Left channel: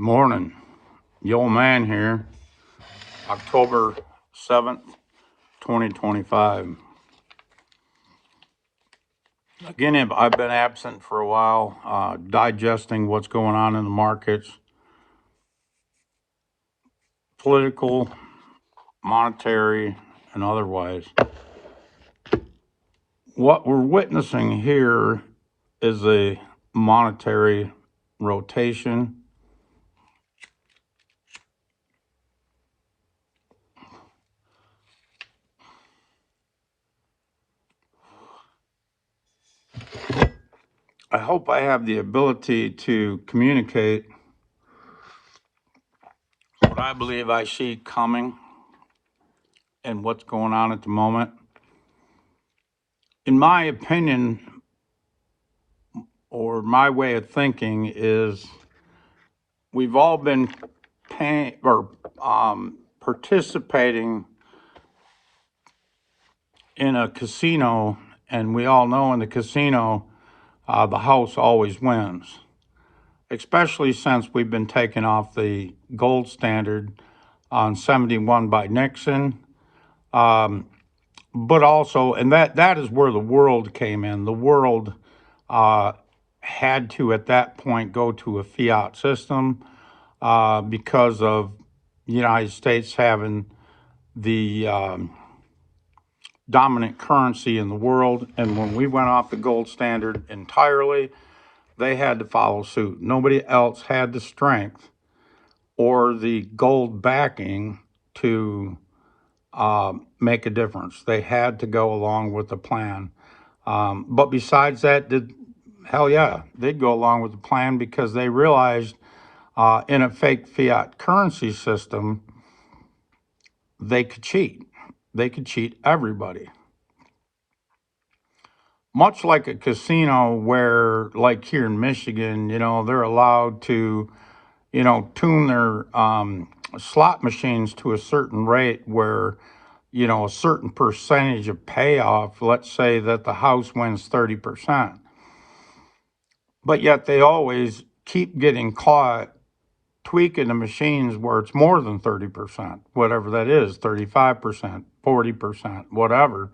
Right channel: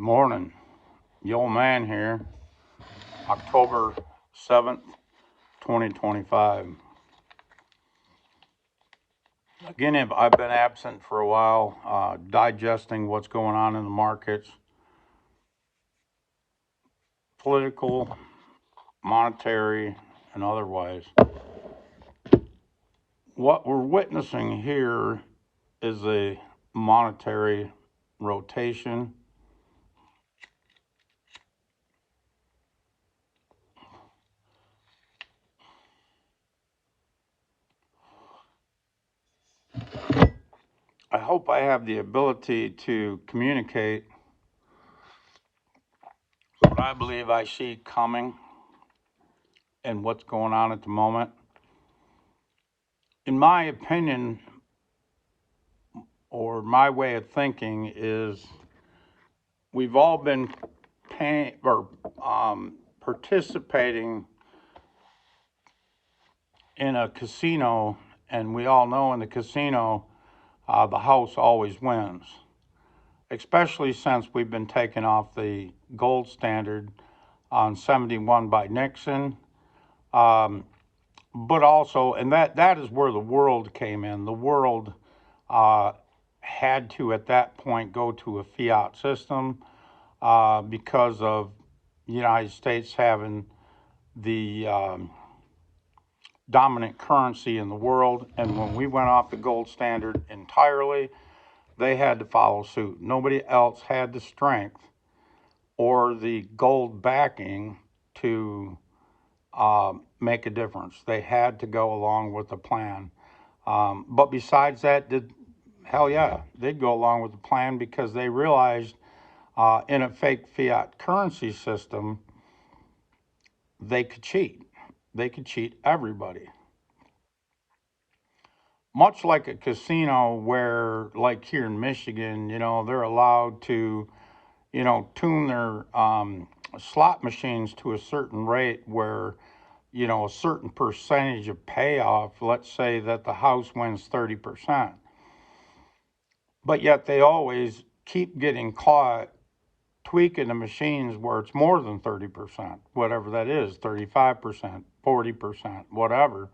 Morning, the old man here, October 7th, 2025. Again, I've been absent for a while, digesting what's going on in the markets, political, monetary, and otherwise. What we're witnessing here is a monetary rotation. I hope I have the ability to communicate what I believe I see coming and what's going on at the moment. In my opinion, or my way of thinking, is we've all been paying or participating in a casino, and we all know in the casino, the house always wins, especially since we've been taken off the gold standard on 71 by Nixon. But also, and that is where the world came in. The world had to, at that point, go to a fiat system because of the United States having the dominant currency in the world. And when we went off the gold standard entirely, they had to follow suit. Nobody else had the strength or the gold backing to make a difference. They had to go along with the plan. But besides that, hell yeah, they'd go along with the plan because they realized in a fake fiat currency system, they could cheat. They could cheat everybody. Much like a casino where, like here in Michigan, they're allowed to, tune their slot machines to a certain rate where, a certain percentage of payoff, let's say that the house wins 30%. But yet they always keep getting caught tweaking the machines where it's more than 30%, whatever that is, 35%, 40%, whatever.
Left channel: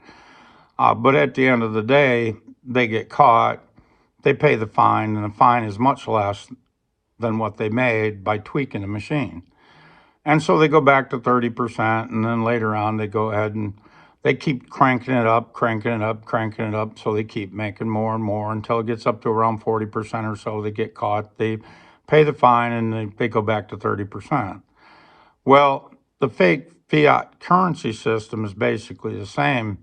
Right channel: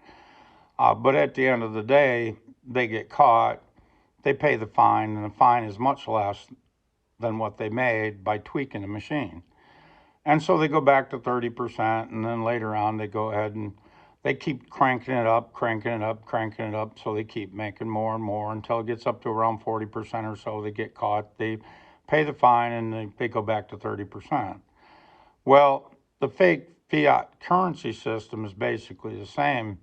But at the end of the day, they get caught, they pay the fine, and the fine is much less than what they made by tweaking the machine. And so they go back to 30%, and then later on they go ahead and they keep cranking it up, cranking it up, cranking it up, so they keep making more and more until it gets up to around 40% or so. They get caught, they pay the fine, and they go back to 30%. Well, the fake fiat currency system is basically the same.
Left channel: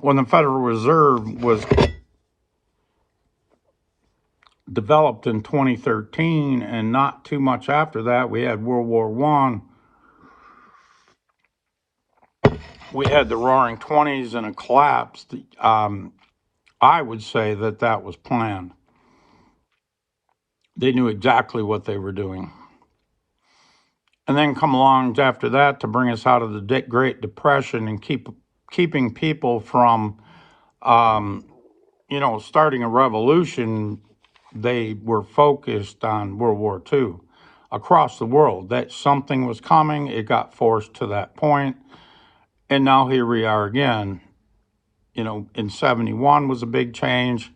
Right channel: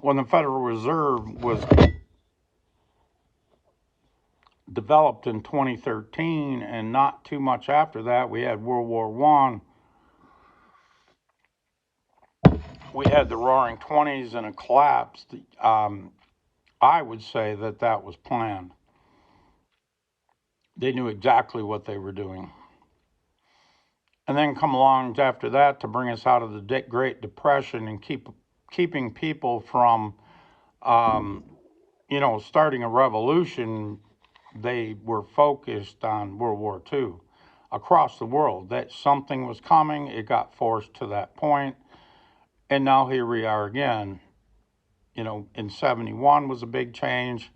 When the Federal Reserve was developed in 2013, and not too much after that, we had World War I. We had the Roaring '20s and a collapse. I would say that was planned. They knew exactly what they were doing. And then come along after that to bring us out of the Great Depression and keeping people from, starting a revolution. They were focused on World War II across the world. That something was coming. It got forced to that point. And now here we are again. In 71 was a big change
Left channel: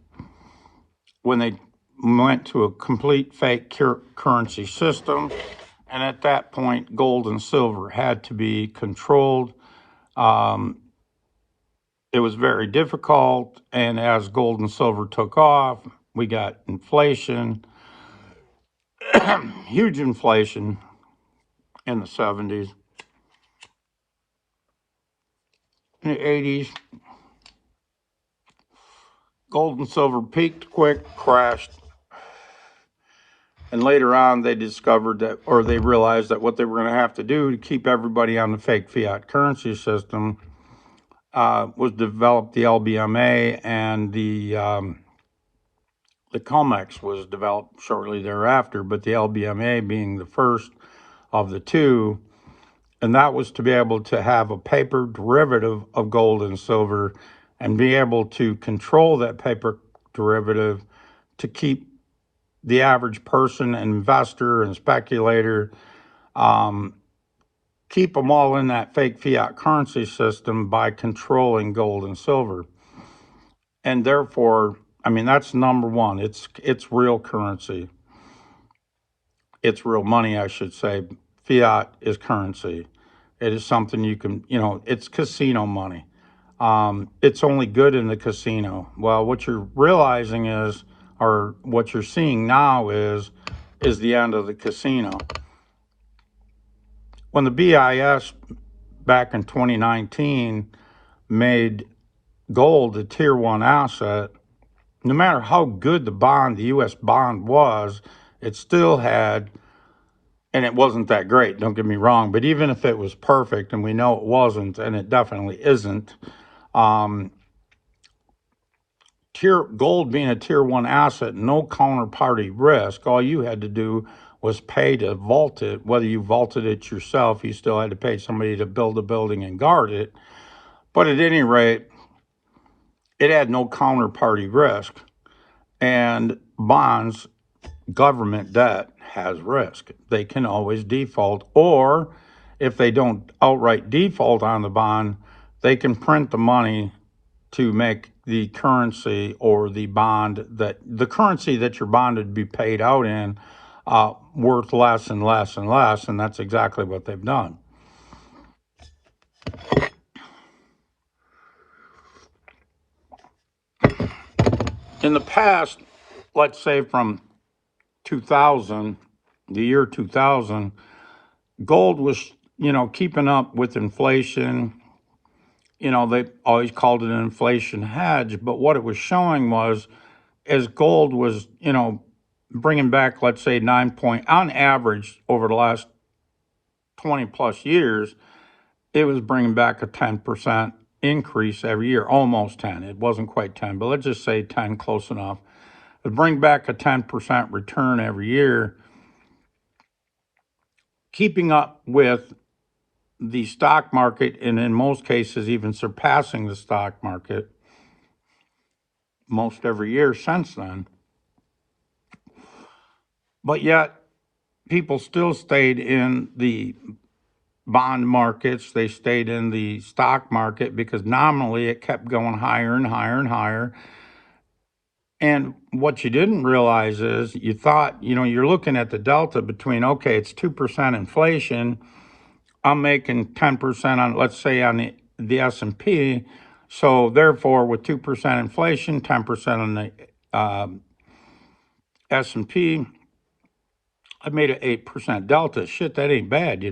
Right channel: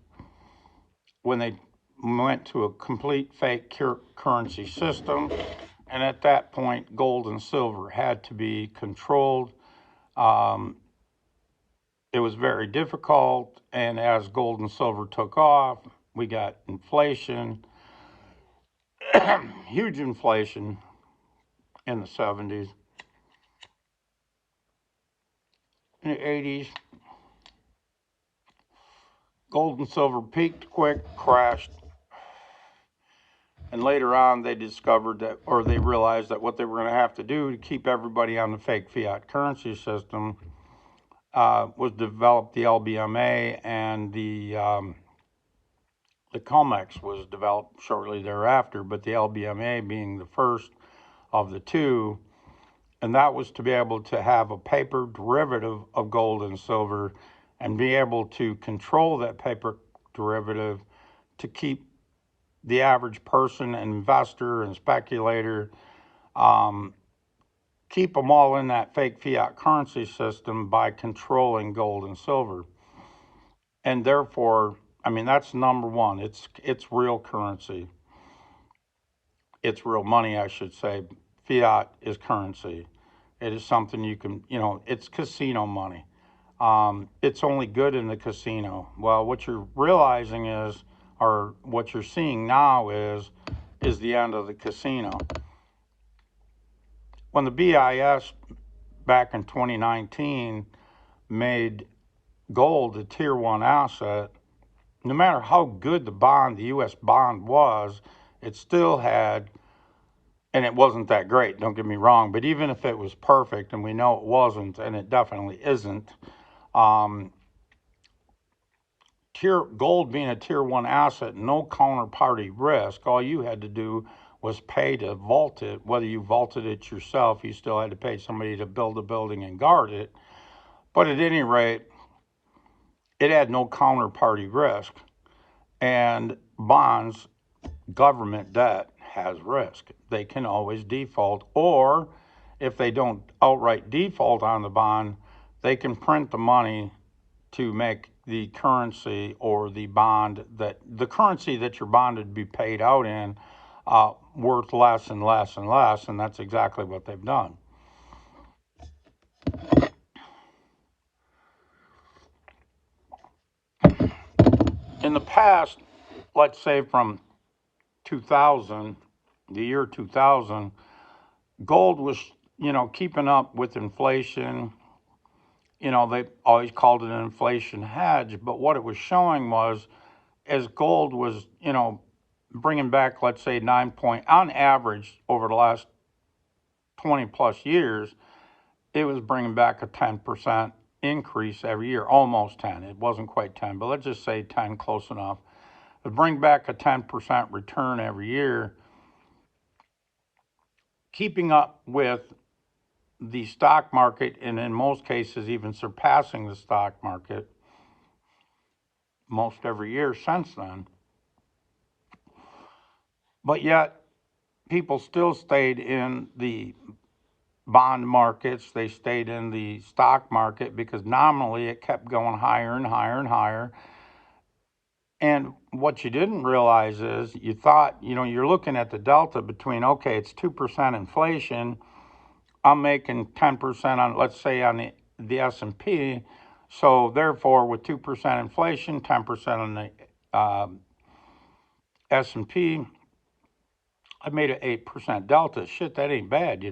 when they went to a complete fake currency system. And at that point, gold and silver had to be controlled. It was very difficult. And as gold and silver took off, we got inflation, huge inflation in the 70s. In the 80s, gold and silver peaked quick, crashed. And later on, they discovered that, or they realized that what they were going to have to do to keep everybody on the fake fiat currency system was develop the LBMA, and the COMEX was developed shortly thereafter, but the LBMA being the first of the two. And that was to be able to have a paper derivative of gold and silver and be able to control that paper derivative to keep the average person, investor, and speculator, keep them all in that fake fiat currency system by controlling gold and silver. And therefore, I mean, that's number one. It's real currency. It's real money, I should say. Fiat is currency. It is something you can, it's casino money. It's only good in the casino. Well, what you're realizing is, or what you're seeing now is the end of the casino. When the BIS back in 2019 made gold a tier one asset, no matter how good the U.S. bond was, it still had, and it wasn't that great, don't get me wrong, but even if it was perfect, and we know it wasn't, and it definitely isn't, gold being a tier one asset, no counterparty risk, all you had to do was pay to vault it. Whether you vaulted it yourself, you still had to pay somebody to build a building and guard it. But at any rate, it had no counterparty risk. And bonds, government debt, has risk. They can always default, or if they don't outright default on the bond, they can print the money to make the currency or the currency that your bond would be paid out in worth less and less and less, and that's exactly what they've done. In the past, let's say from 2000, the year 2000, gold was, keeping up with inflation. They always called it an inflation hedge, but what it was showing was, as gold was, bringing back, let's say, on average over the last 20 plus years, it was bringing back a 10% increase every year, almost 10. It wasn't quite 10, but let's just say 10, close enough. It would bring back a 10% return every year, keeping up with the stock market, and in most cases, even surpassing the stock market most every year since then. But yet, people still stayed in the bond markets, they stayed in the stock market because nominally it kept going higher and higher and higher. And what you didn't realize is, you thought, you're looking at the delta between, okay, it's 2% inflation, I'm making 10% on, let's say, on the S&P, so therefore with 2% inflation, 10% on the S&P, I made an 8% delta. Shit, that ain't bad,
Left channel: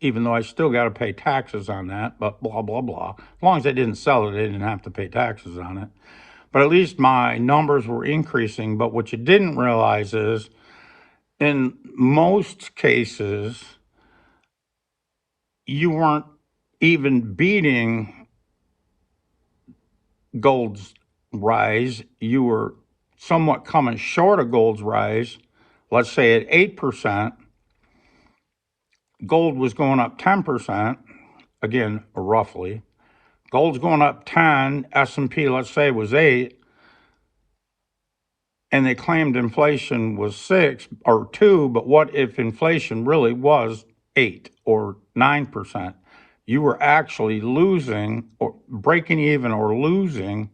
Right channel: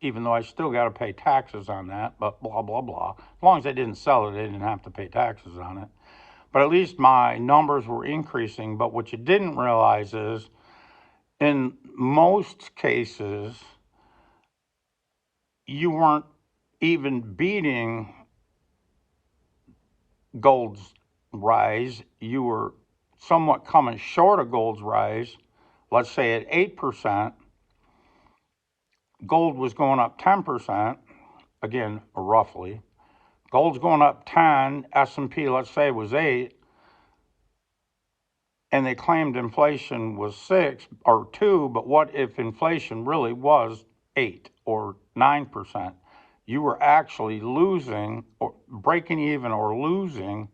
even though I still got to pay taxes on that, but blah, blah, blah. As long as I didn't sell it, I didn't have to pay taxes on it. But at least my numbers were increasing. But what you didn't realize is, in most cases, you weren't even beating gold's rise. You were somewhat coming short of gold's rise. Let's say at 8%, gold was going up 10%, again, roughly. Gold's going up 10, S&P, let's say, was 8, and they claimed inflation was 6 or 2, but what if inflation really was 8 or 9%? You were actually losing, or breaking even, or losing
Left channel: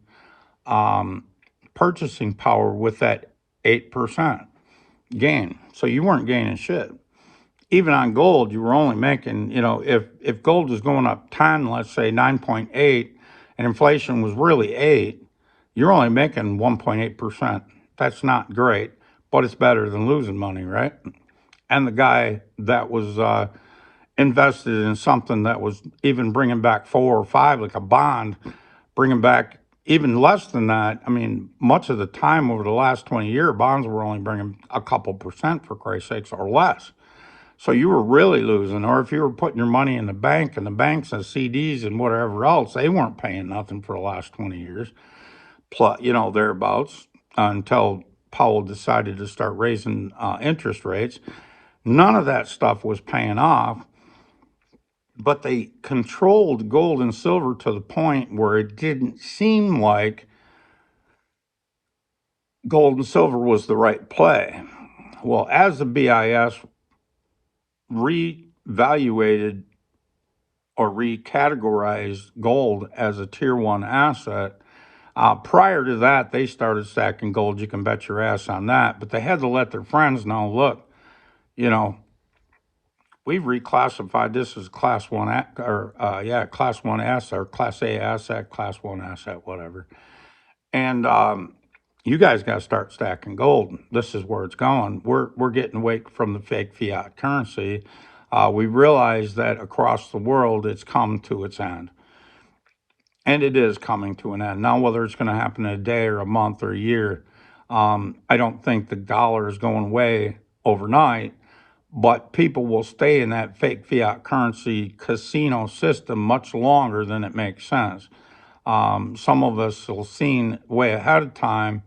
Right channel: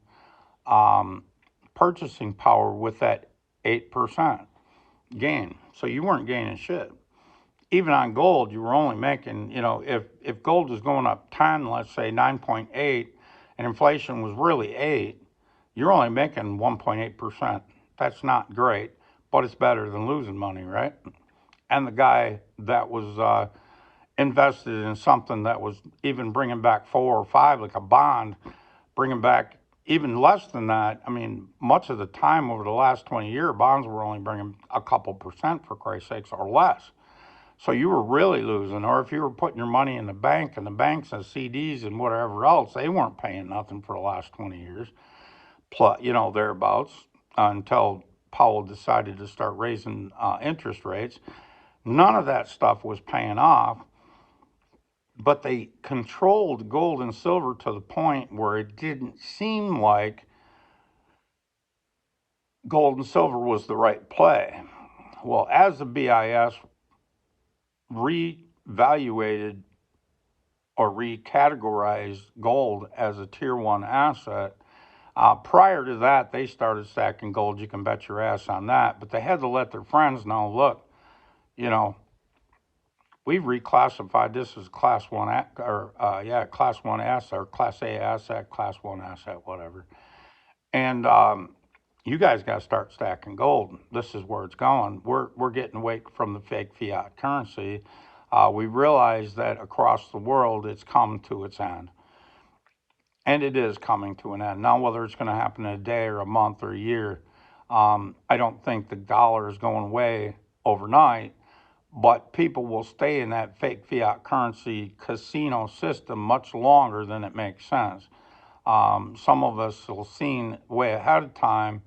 purchasing power with that 8% gain. So you weren't gaining shit. Even on gold, you were only making, if gold was going up 10, let's say 9.8, and inflation was really 8, you're only making 1.8%. That's not great, but it's better than losing money, right? And the guy that was invested in something that was even bringing back 4 or 5, like a bond, bringing back even less than that. I mean, much of the time over the last 20 years, bonds were only bringing a couple percent, for Christ's sakes, or less. So you were really losing. Or if you were putting your money in the bank, and the banks and CDs and whatever else, they weren't paying nothing for the last 20 years, plus, thereabouts, until Powell decided to start raising interest rates. None of that stuff was paying off, but they controlled gold and silver to the point where it didn't seem like gold and silver was the right play. Well, as the BIS reevaluated or recategorized gold as a tier one asset, prior to that, they started stacking gold. You can bet your ass on that. But they had to let their friends know, look, you know, we've reclassified this as class one, class one asset or class A asset, class one asset, whatever. And you guys got to start stacking gold. This is where it's going. We're getting away from the fake fiat currency. We realize that across the world, it's come to its end. And it is coming to an end. Now, whether it's going to happen in a day or a month or a year, I don't think the dollar is going away overnight, but people will stay in that fake fiat currency casino system much longer than it makes sense. Some of us will seen way ahead of time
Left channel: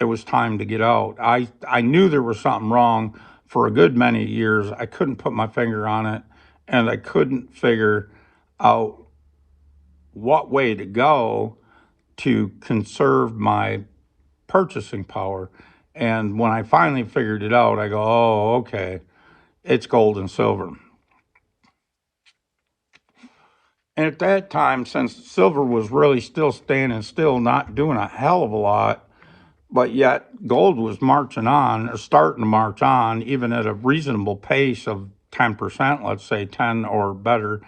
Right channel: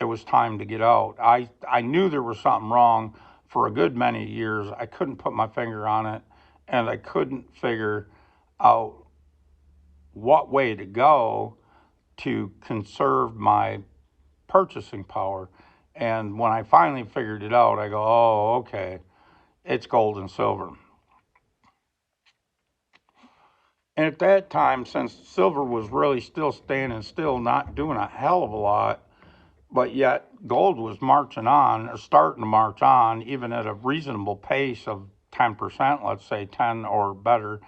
it was time to get out. I knew there was something wrong for a good many years. I couldn't put my finger on it, and I couldn't figure out what way to go to conserve my purchasing power. And when I finally figured it out, I go, oh, okay, it's gold and silver. And at that time, since silver was really still standing still, not doing a hell of a lot, but yet gold was marching on, or starting to march on, even at a reasonable pace of 10%, let's say 10 or better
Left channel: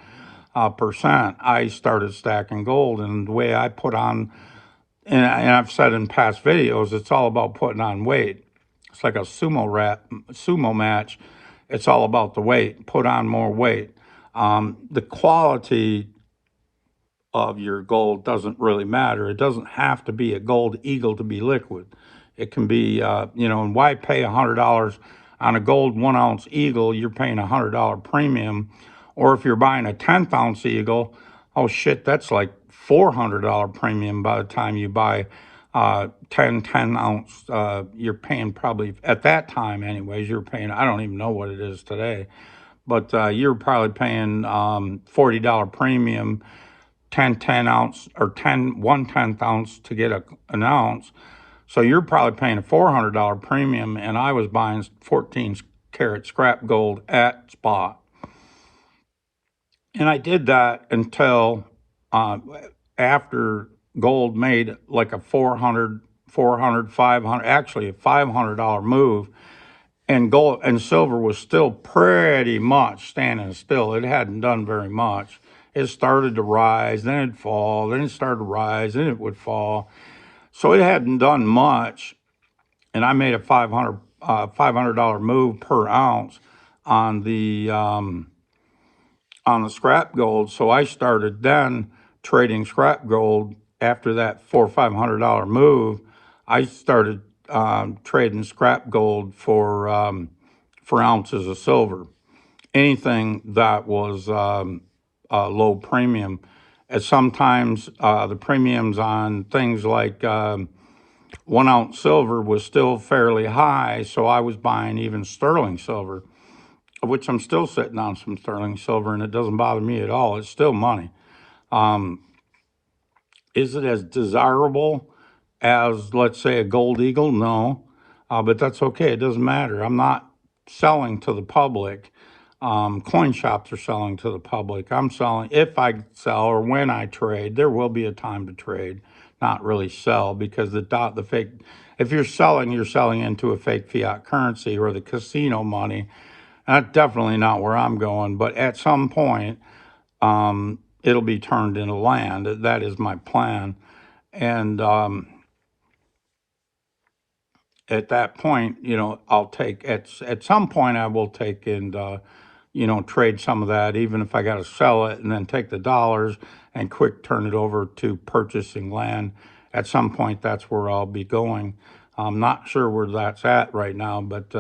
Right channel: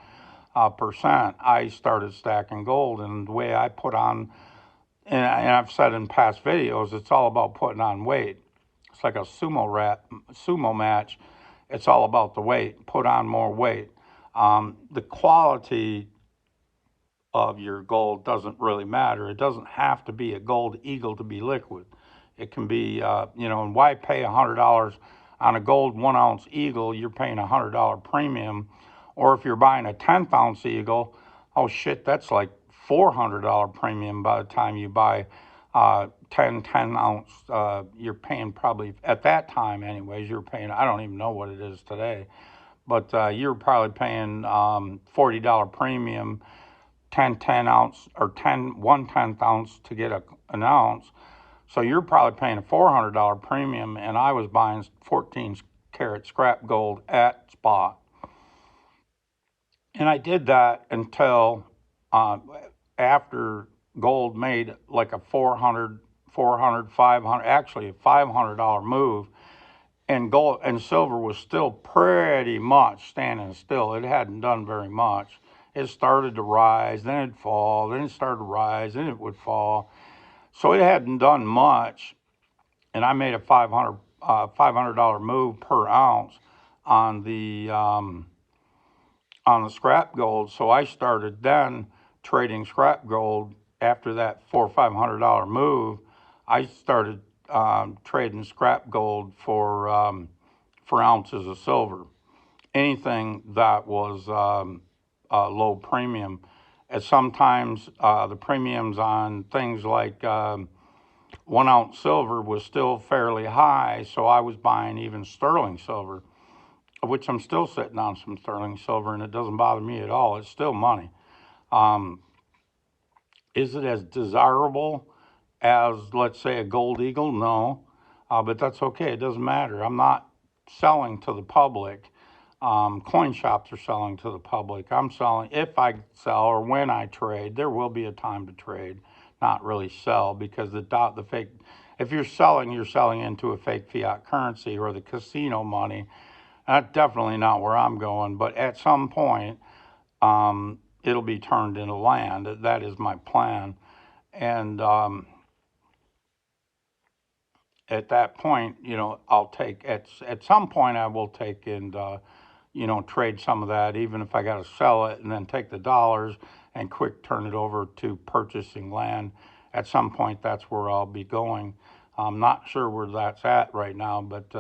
percent, I started stacking gold. And the way I put on, and I've said in past videos, it's all about putting on weight. It's like a sumo match. It's all about the weight. Put on more weight. The quality of your gold doesn't really matter. It doesn't have to be a gold eagle to be liquid. It can be, and why pay $100 on a gold 1 ounce eagle? You're paying $100 premium. Or if you're buying a 10th ounce eagle, oh shit, that's like $400 premium by the time you buy 10 ounce. You're paying probably, at that time anyways, you're paying, I don't even know what it is today, but you're probably paying $40 premium, 10 ounce or 1/10 ounce to get an ounce. So you're probably paying a $400 premium, and I was buying 14 karat scrap gold at spot. And I did that until after gold made like a 500, actually a $500 move, and gold and silver was still pretty much standing still. It hadn't done very much. It started to rise, then it'd fall, then it started to rise, then it would fall. So it hadn't done much, and I made a $500 move per ounce on the scrap gold. So I started then trading scrap gold after that $400-500 move. I started trading scrap gold for ounces of silver. Anything that was low premium. And sometimes the premiums on things like 1 ounce silver was still fairly high, so I was buying even sterling silver, of which I'm still sitting on some sterling silver, and it doesn't bother me at all. It's still money. Is it as desirable as, let's say, a gold eagle? No, but that's okay. It doesn't matter. I'm not selling to the public. Coin shops are selling to the public. I'm selling, if I sell or when I trade, there will be a time to trade, not really sell, because the fake, if you're selling into a fake fiat currency or the casino money. That's definitely not where I'm going, but at some point, it'll be turned into land. That is my plan. And at that point, I'll take, at some point, I will take and, trade some of that, even if I got to sell it and then take the dollars and quick turn it over to purchasing land. At some point, that's where I'll be going. I'm not sure where that's at right now, but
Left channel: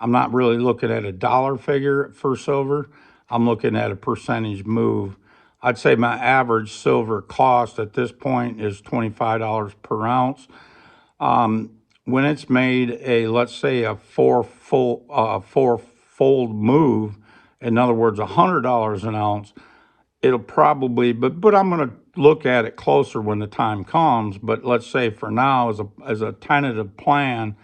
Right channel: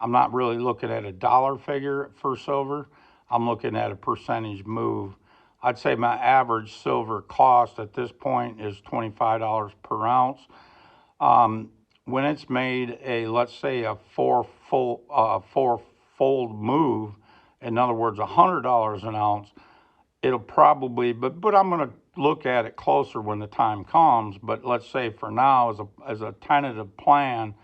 I'm not really looking at a dollar figure for silver. I'm looking at a percentage move. I'd say my average silver cost at this point is $25 per ounce. When it's made let's say a fourfold move, in other words, $100 an ounce, it'll probably, but I'm going to look at it closer when the time comes. But let's say for now, as a tentative plan,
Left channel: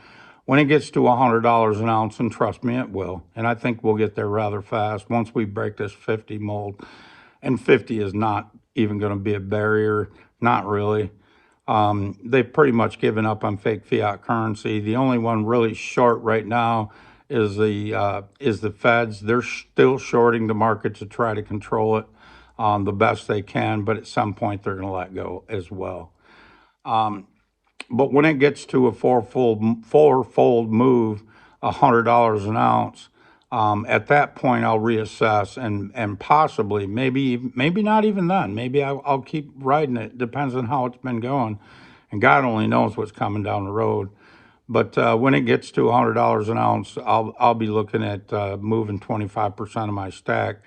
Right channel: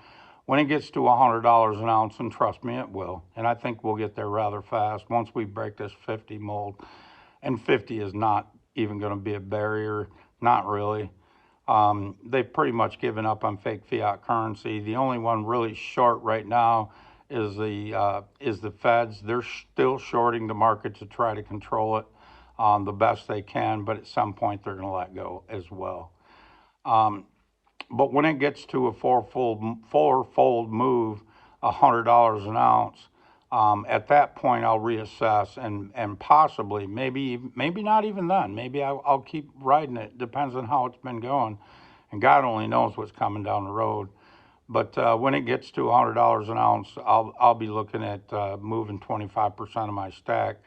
when it gets to $100 an ounce, and trust me, it will. And I think we'll get there rather fast once we break this 50 mold. And 50 is not even going to be a barrier, not really. They've pretty much given up on fake fiat currency. The only one really short right now is the Feds. They're still shorting the market to try to control it the best they can, but at some point they're going to let go as well. But when it gets to a fourfold move, $100 an ounce, at that point I'll reassess and possibly maybe not even then. Maybe I'll keep riding it. Depends on how it's been going, and God only knows what's coming down the road. But when it gets to $100 an ounce, I'll be looking at moving 25% of my stack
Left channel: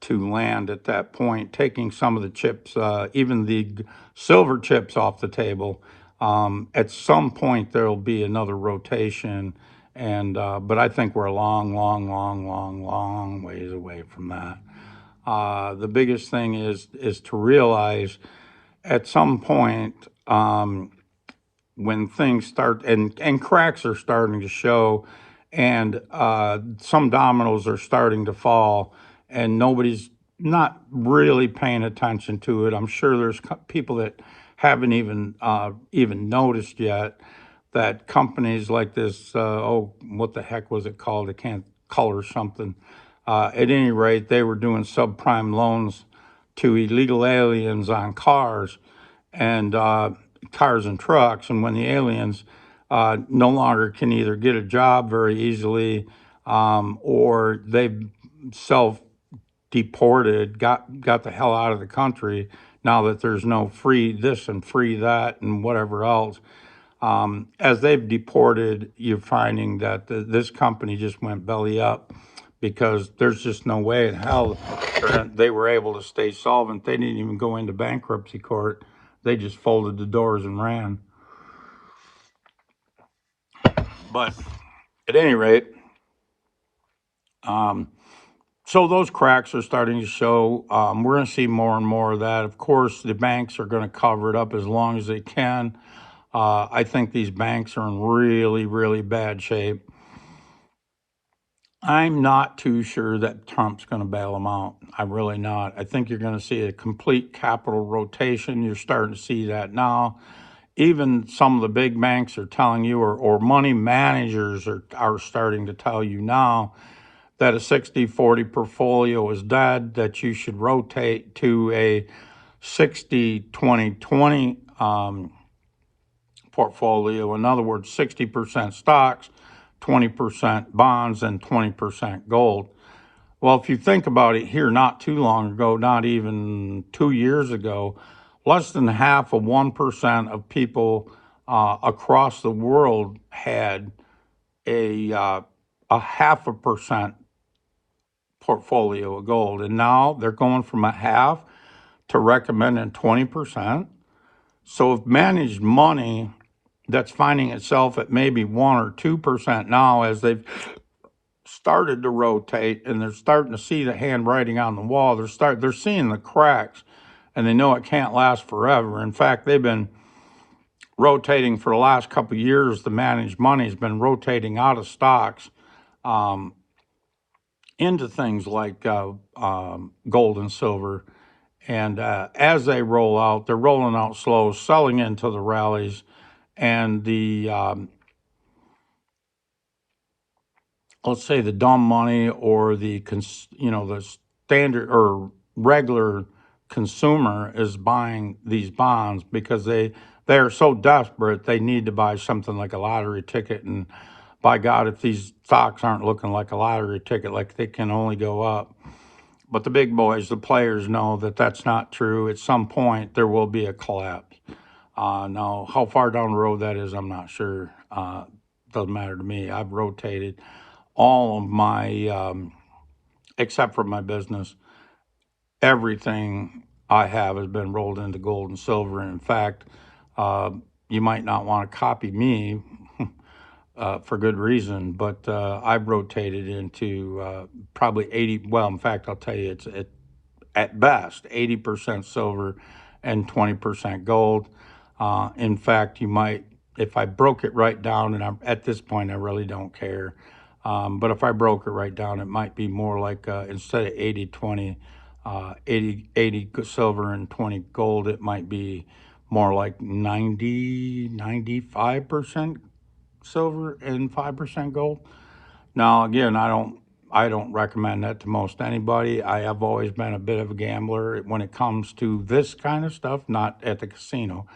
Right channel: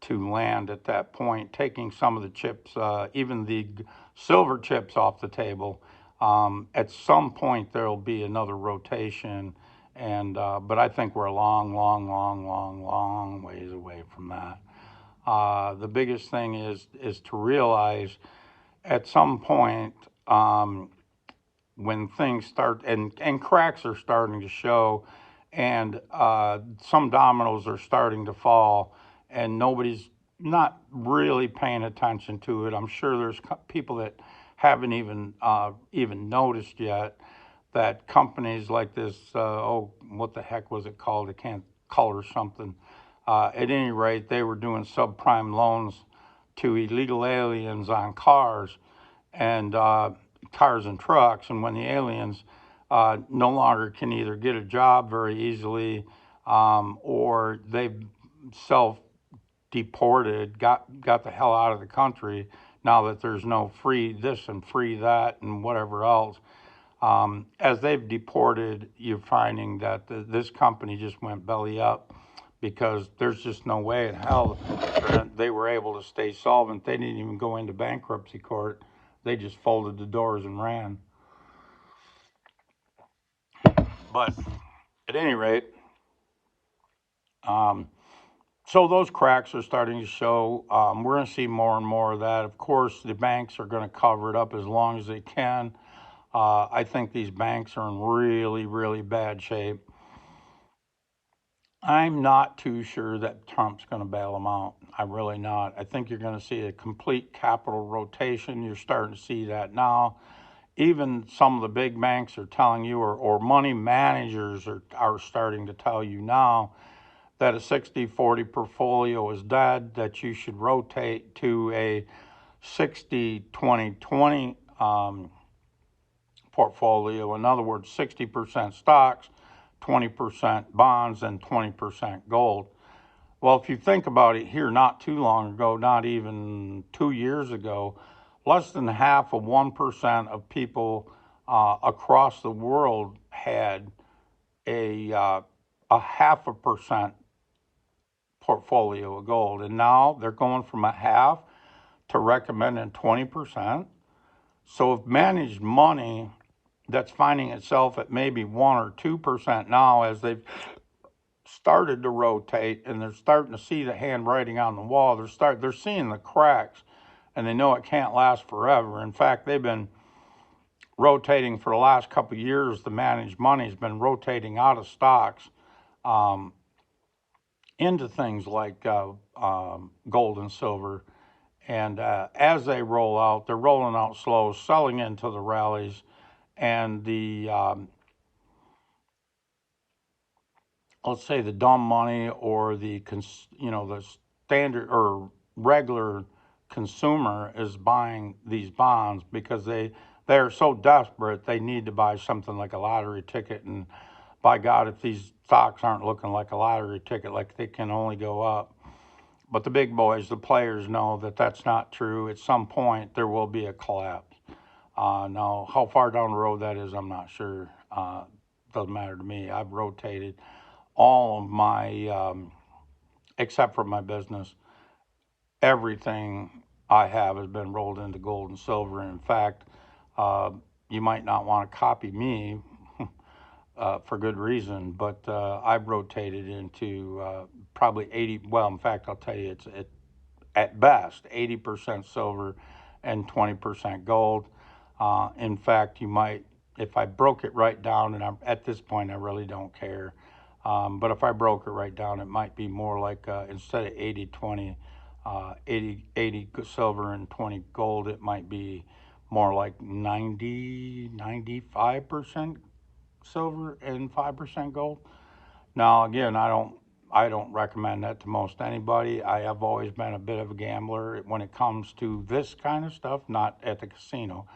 to land at that point, taking some of the chips, even the silver chips, off the table. At some point, there'll be another rotation, and but I think we're a long ways away from that. The biggest thing is to realize at some point, when things start and cracks are starting to show, and some dominoes are starting to fall, and nobody's not really paying attention to it. I'm sure there's people that haven't even noticed yet that companies like this, what the heck was it called? I can't color something. At any rate, they were doing subprime loans to illegal aliens on cars and trucks. And when the aliens no longer can either get a job very easily, or they've self deported, got the hell out of the country now that there's no free this and free that and whatever else. As they've deported, you're finding that this company just went belly up because there's just no way in hell they were able to stay solvent. They didn't even go into bankruptcy court. They just folded the doors and ran. But at any rate, so those cracks are starting to show. We're going to see more and more of that. Of course, the banks are going to cover it up as long as they can. I think these banks are in really bad shape. I'm not too sure that Trump's going to bail them out. I'm really not. I think you're going to see a complete capital rotation. You're starting to see that now. Even some of the big banks are telling you, or money managers are starting to tell you now, that a 60-40 portfolio is dead, that you should rotate to a 60-20-20 portfolio. In other words, 60% stocks, 20% bonds, and 20% gold. Well, if you think about it, here not too long ago, not even 2 years ago, less than half of 1% of people across the world had a 0.5% portfolio of gold, and now they're going from a half to recommending 20%. So if managed money that's finding itself at maybe 1 or 2% now, as they've started to rotate and they're starting to see the handwriting on the wall, they're seeing the cracks, and they know it can't last forever. In fact, they've been rotating for the last couple of years. The managed money's been rotating out of stocks into things like gold and silver. And as they roll out, they're rolling out slow, selling into the rallies, and the let's say the dumb money, or the standard or regular consumer is buying these bonds because they are so desperate they need to buy something like a lottery ticket. And by God, if these stocks aren't looking like a lottery ticket, like they can only go up. But the big boys, the players, know that that's not true. At some point, there will be a collapse. Now, how far down the road that is, I'm not sure. Doesn't matter to me. I've rotated all of my, except for my business, everything I have has been rolled into gold and silver. And in fact, you might not want to copy me for good reason, but I've rotated into probably 80, well, in fact, I'll tell you, it's at best 80% silver and 20% gold. In fact, you might if I broke it right down, and at this point I really don't care, but if I broke it right down, it might be more like instead of 80-20, 80 silver and 20 gold, it might be more like 95% silver and 5% gold. Now, again, I don't recommend that to most anybody. I have always been a bit of a gambler when it comes to this kind of stuff, not at the casino.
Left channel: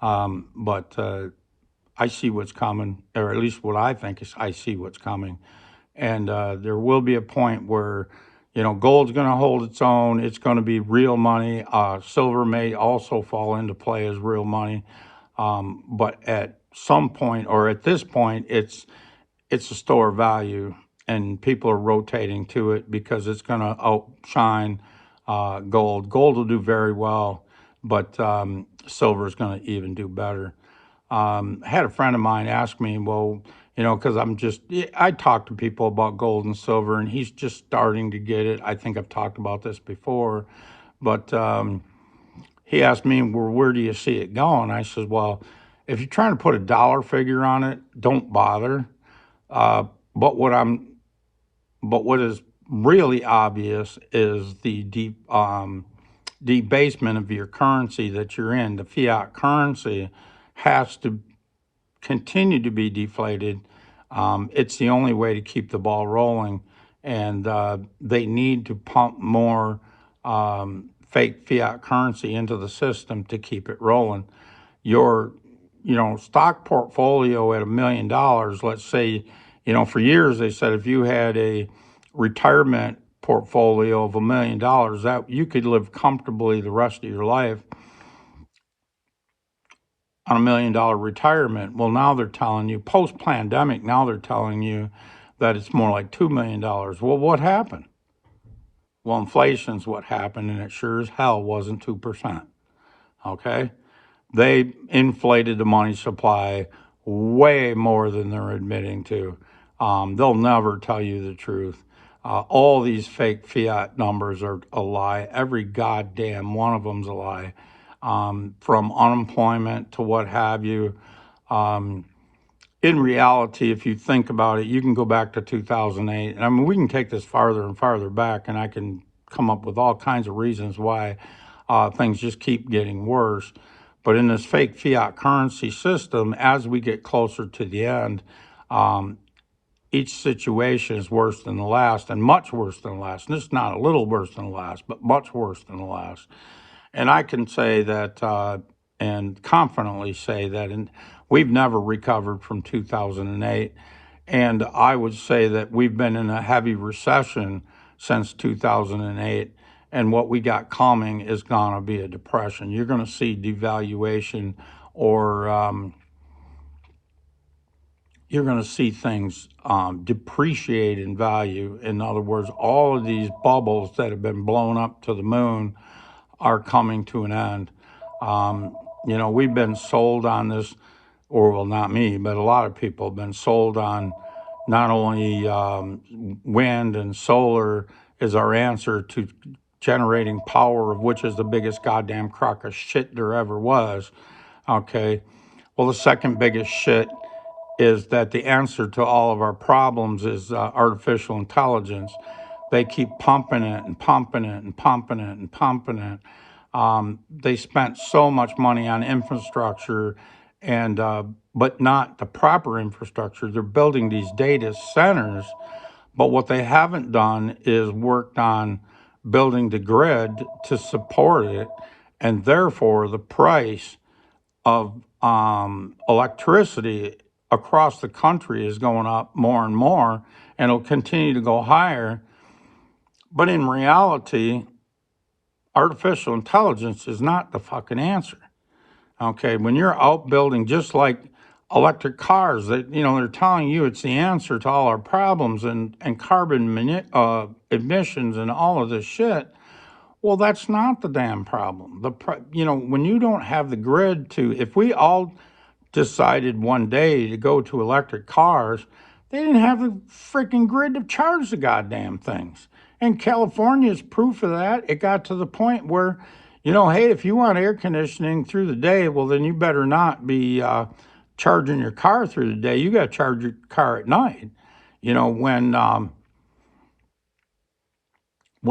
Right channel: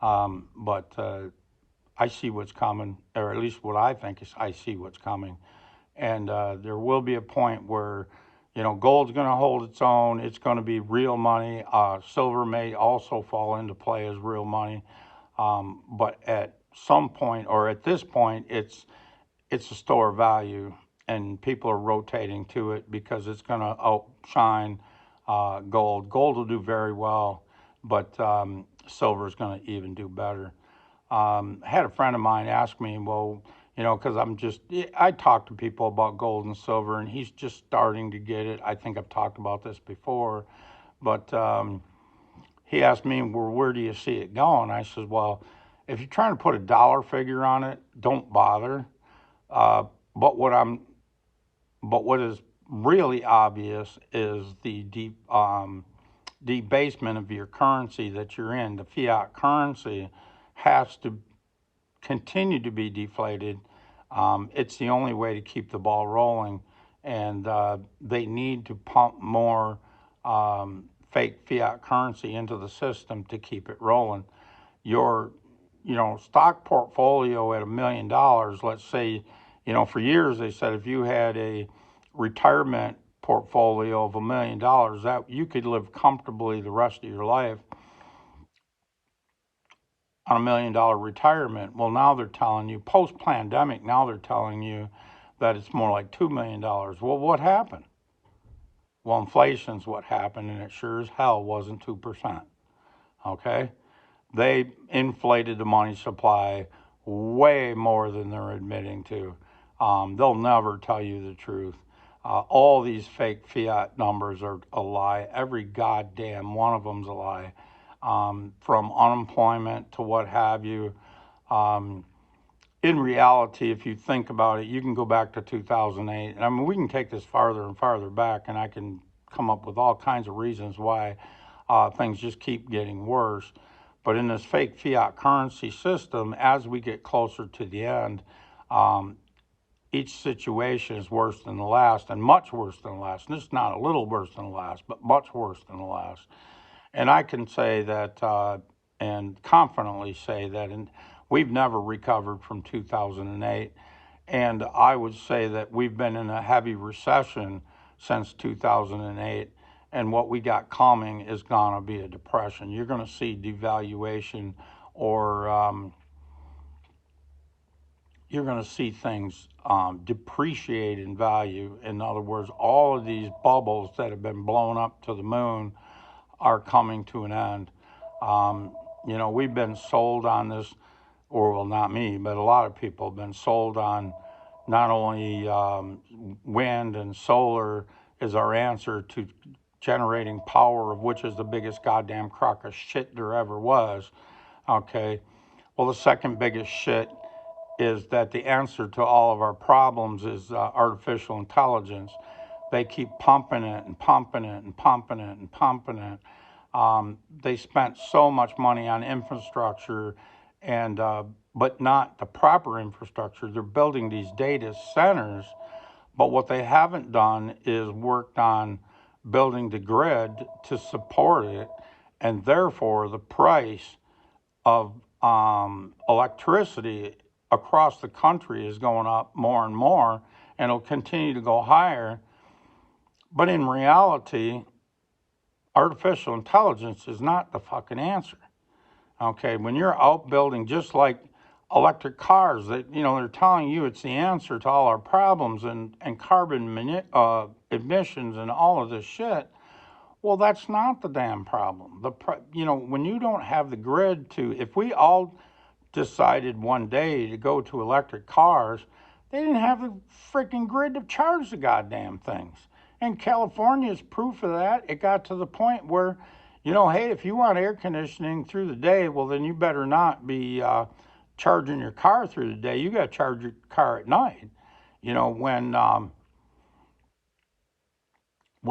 But I see what's coming, or at least what I think is I see what's coming. And there will be a point where, gold's going to hold its own. It's going to be real money. Silver may also fall into play as real money. But at some point, or at this point, it's a store of value, and people are rotating to it because it's going to outshine gold. Gold will do very well, but silver is going to even do better. I had a friend of mine ask me, well, because I talk to people about gold and silver, and he's just starting to get it. I think I've talked about this before, but he asked me, well, where do you see it going? I said, well, if you're trying to put a dollar figure on it, don't bother. Uh, but what is really obvious is the debasement of your currency that you're in. The fiat currency has to continue to be deflated. It's the only way to keep the ball rolling, and they need to pump more fake fiat currency into the system to keep it rolling. Your stock portfolio at $1 million, let's say, for years they said if you had a retirement portfolio of $1 million, that you could live comfortably the rest of your life on $1 million retirement. Well, now they're telling you, post pandemic, now they're telling you that it's more like $2 million. Well, what happened? Well, inflation's what happened, and it sure as hell wasn't 2%. Okay? They inflated the money supply way more than they're admitting to. They'll never tell you the truth. All these fake fiat numbers are a lie. Every goddamn one of them's a lie. From unemployment to what have you. In reality, if you think about it, you can go back to 2008. And I mean, we can take this farther and farther back, and I can come up with all kinds of reasons why things just keep getting worse. But in this fake fiat currency system, as we get closer to the end, each situation is worse than the last, and much worse than the last. And it's not a little worse than the last, but much worse than the last. And I can say that, and confidently say that, we've never recovered from 2008. And I would say that we've been in a heavy recession since 2008. And what we got coming is going to be a depression. You're going to see devaluation, or you're going to see things depreciate in value. In other words, all of these bubbles that have been blown up to the moon are coming to an end. We've been sold on this, or well, not me, but a lot of people have been sold on not only wind and solar is our answer to generating power, of which is the biggest goddamn crock of shit there ever was. Okay. Well, the second biggest shit is that the answer to all of our problems is artificial intelligence. They keep pumping it and pumping it and pumping it and pumping it. They spent so much money on infrastructure, and but not the proper infrastructure. They're building these data centers, but what they haven't done is worked on building the grid to support it, and therefore the price of electricity across the country is going up more and more, and it'll continue to go higher. But in reality, artificial intelligence is not the fucking answer. Okay, when you're out building, just like electric cars, that they're telling you it's the answer to all our problems, and carbon emissions and all of this shit. Well, that's not the damn problem. When you don't have the grid if we all decided one day to go to electric cars, they didn't have the freaking grid to charge the goddamn things. And California is proof of that. It got to the point where, hey, if you want air conditioning through the day, well, then you better not be charging your car through the day. You got to charge your car at night. You know, when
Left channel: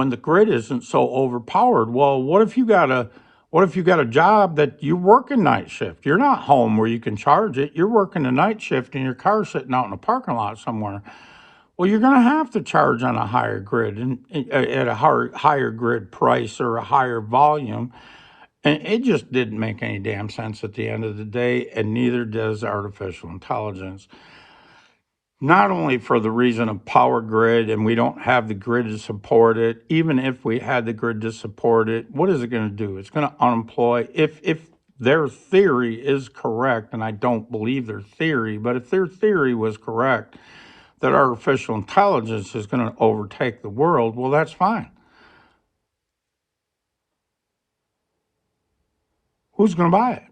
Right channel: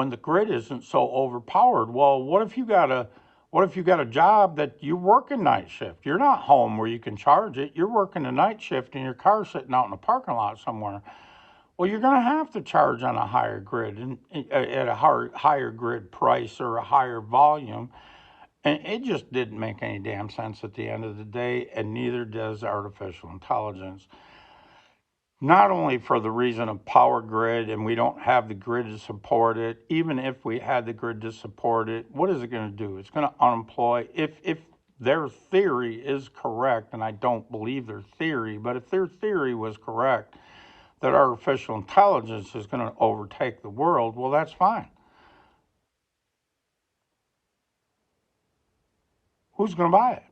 the grid isn't so overpowered. Well, what if you got a job that you're working night shift? You're not home where you can charge it. You're working a night shift and your car's sitting out in a parking lot somewhere. Well, you're going to have to charge on a higher grid and at a higher grid price or a higher volume. And it just didn't make any damn sense at the end of the day, and neither does artificial intelligence. Not only for the reason of power grid, and we don't have the grid to support it. Even if we had the grid to support it, what is it going to do? It's going to unemploy. If their theory is correct, and I don't believe their theory, but if their theory was correct, that artificial intelligence is going to overtake the world, well, that's fine. Who's going to buy it?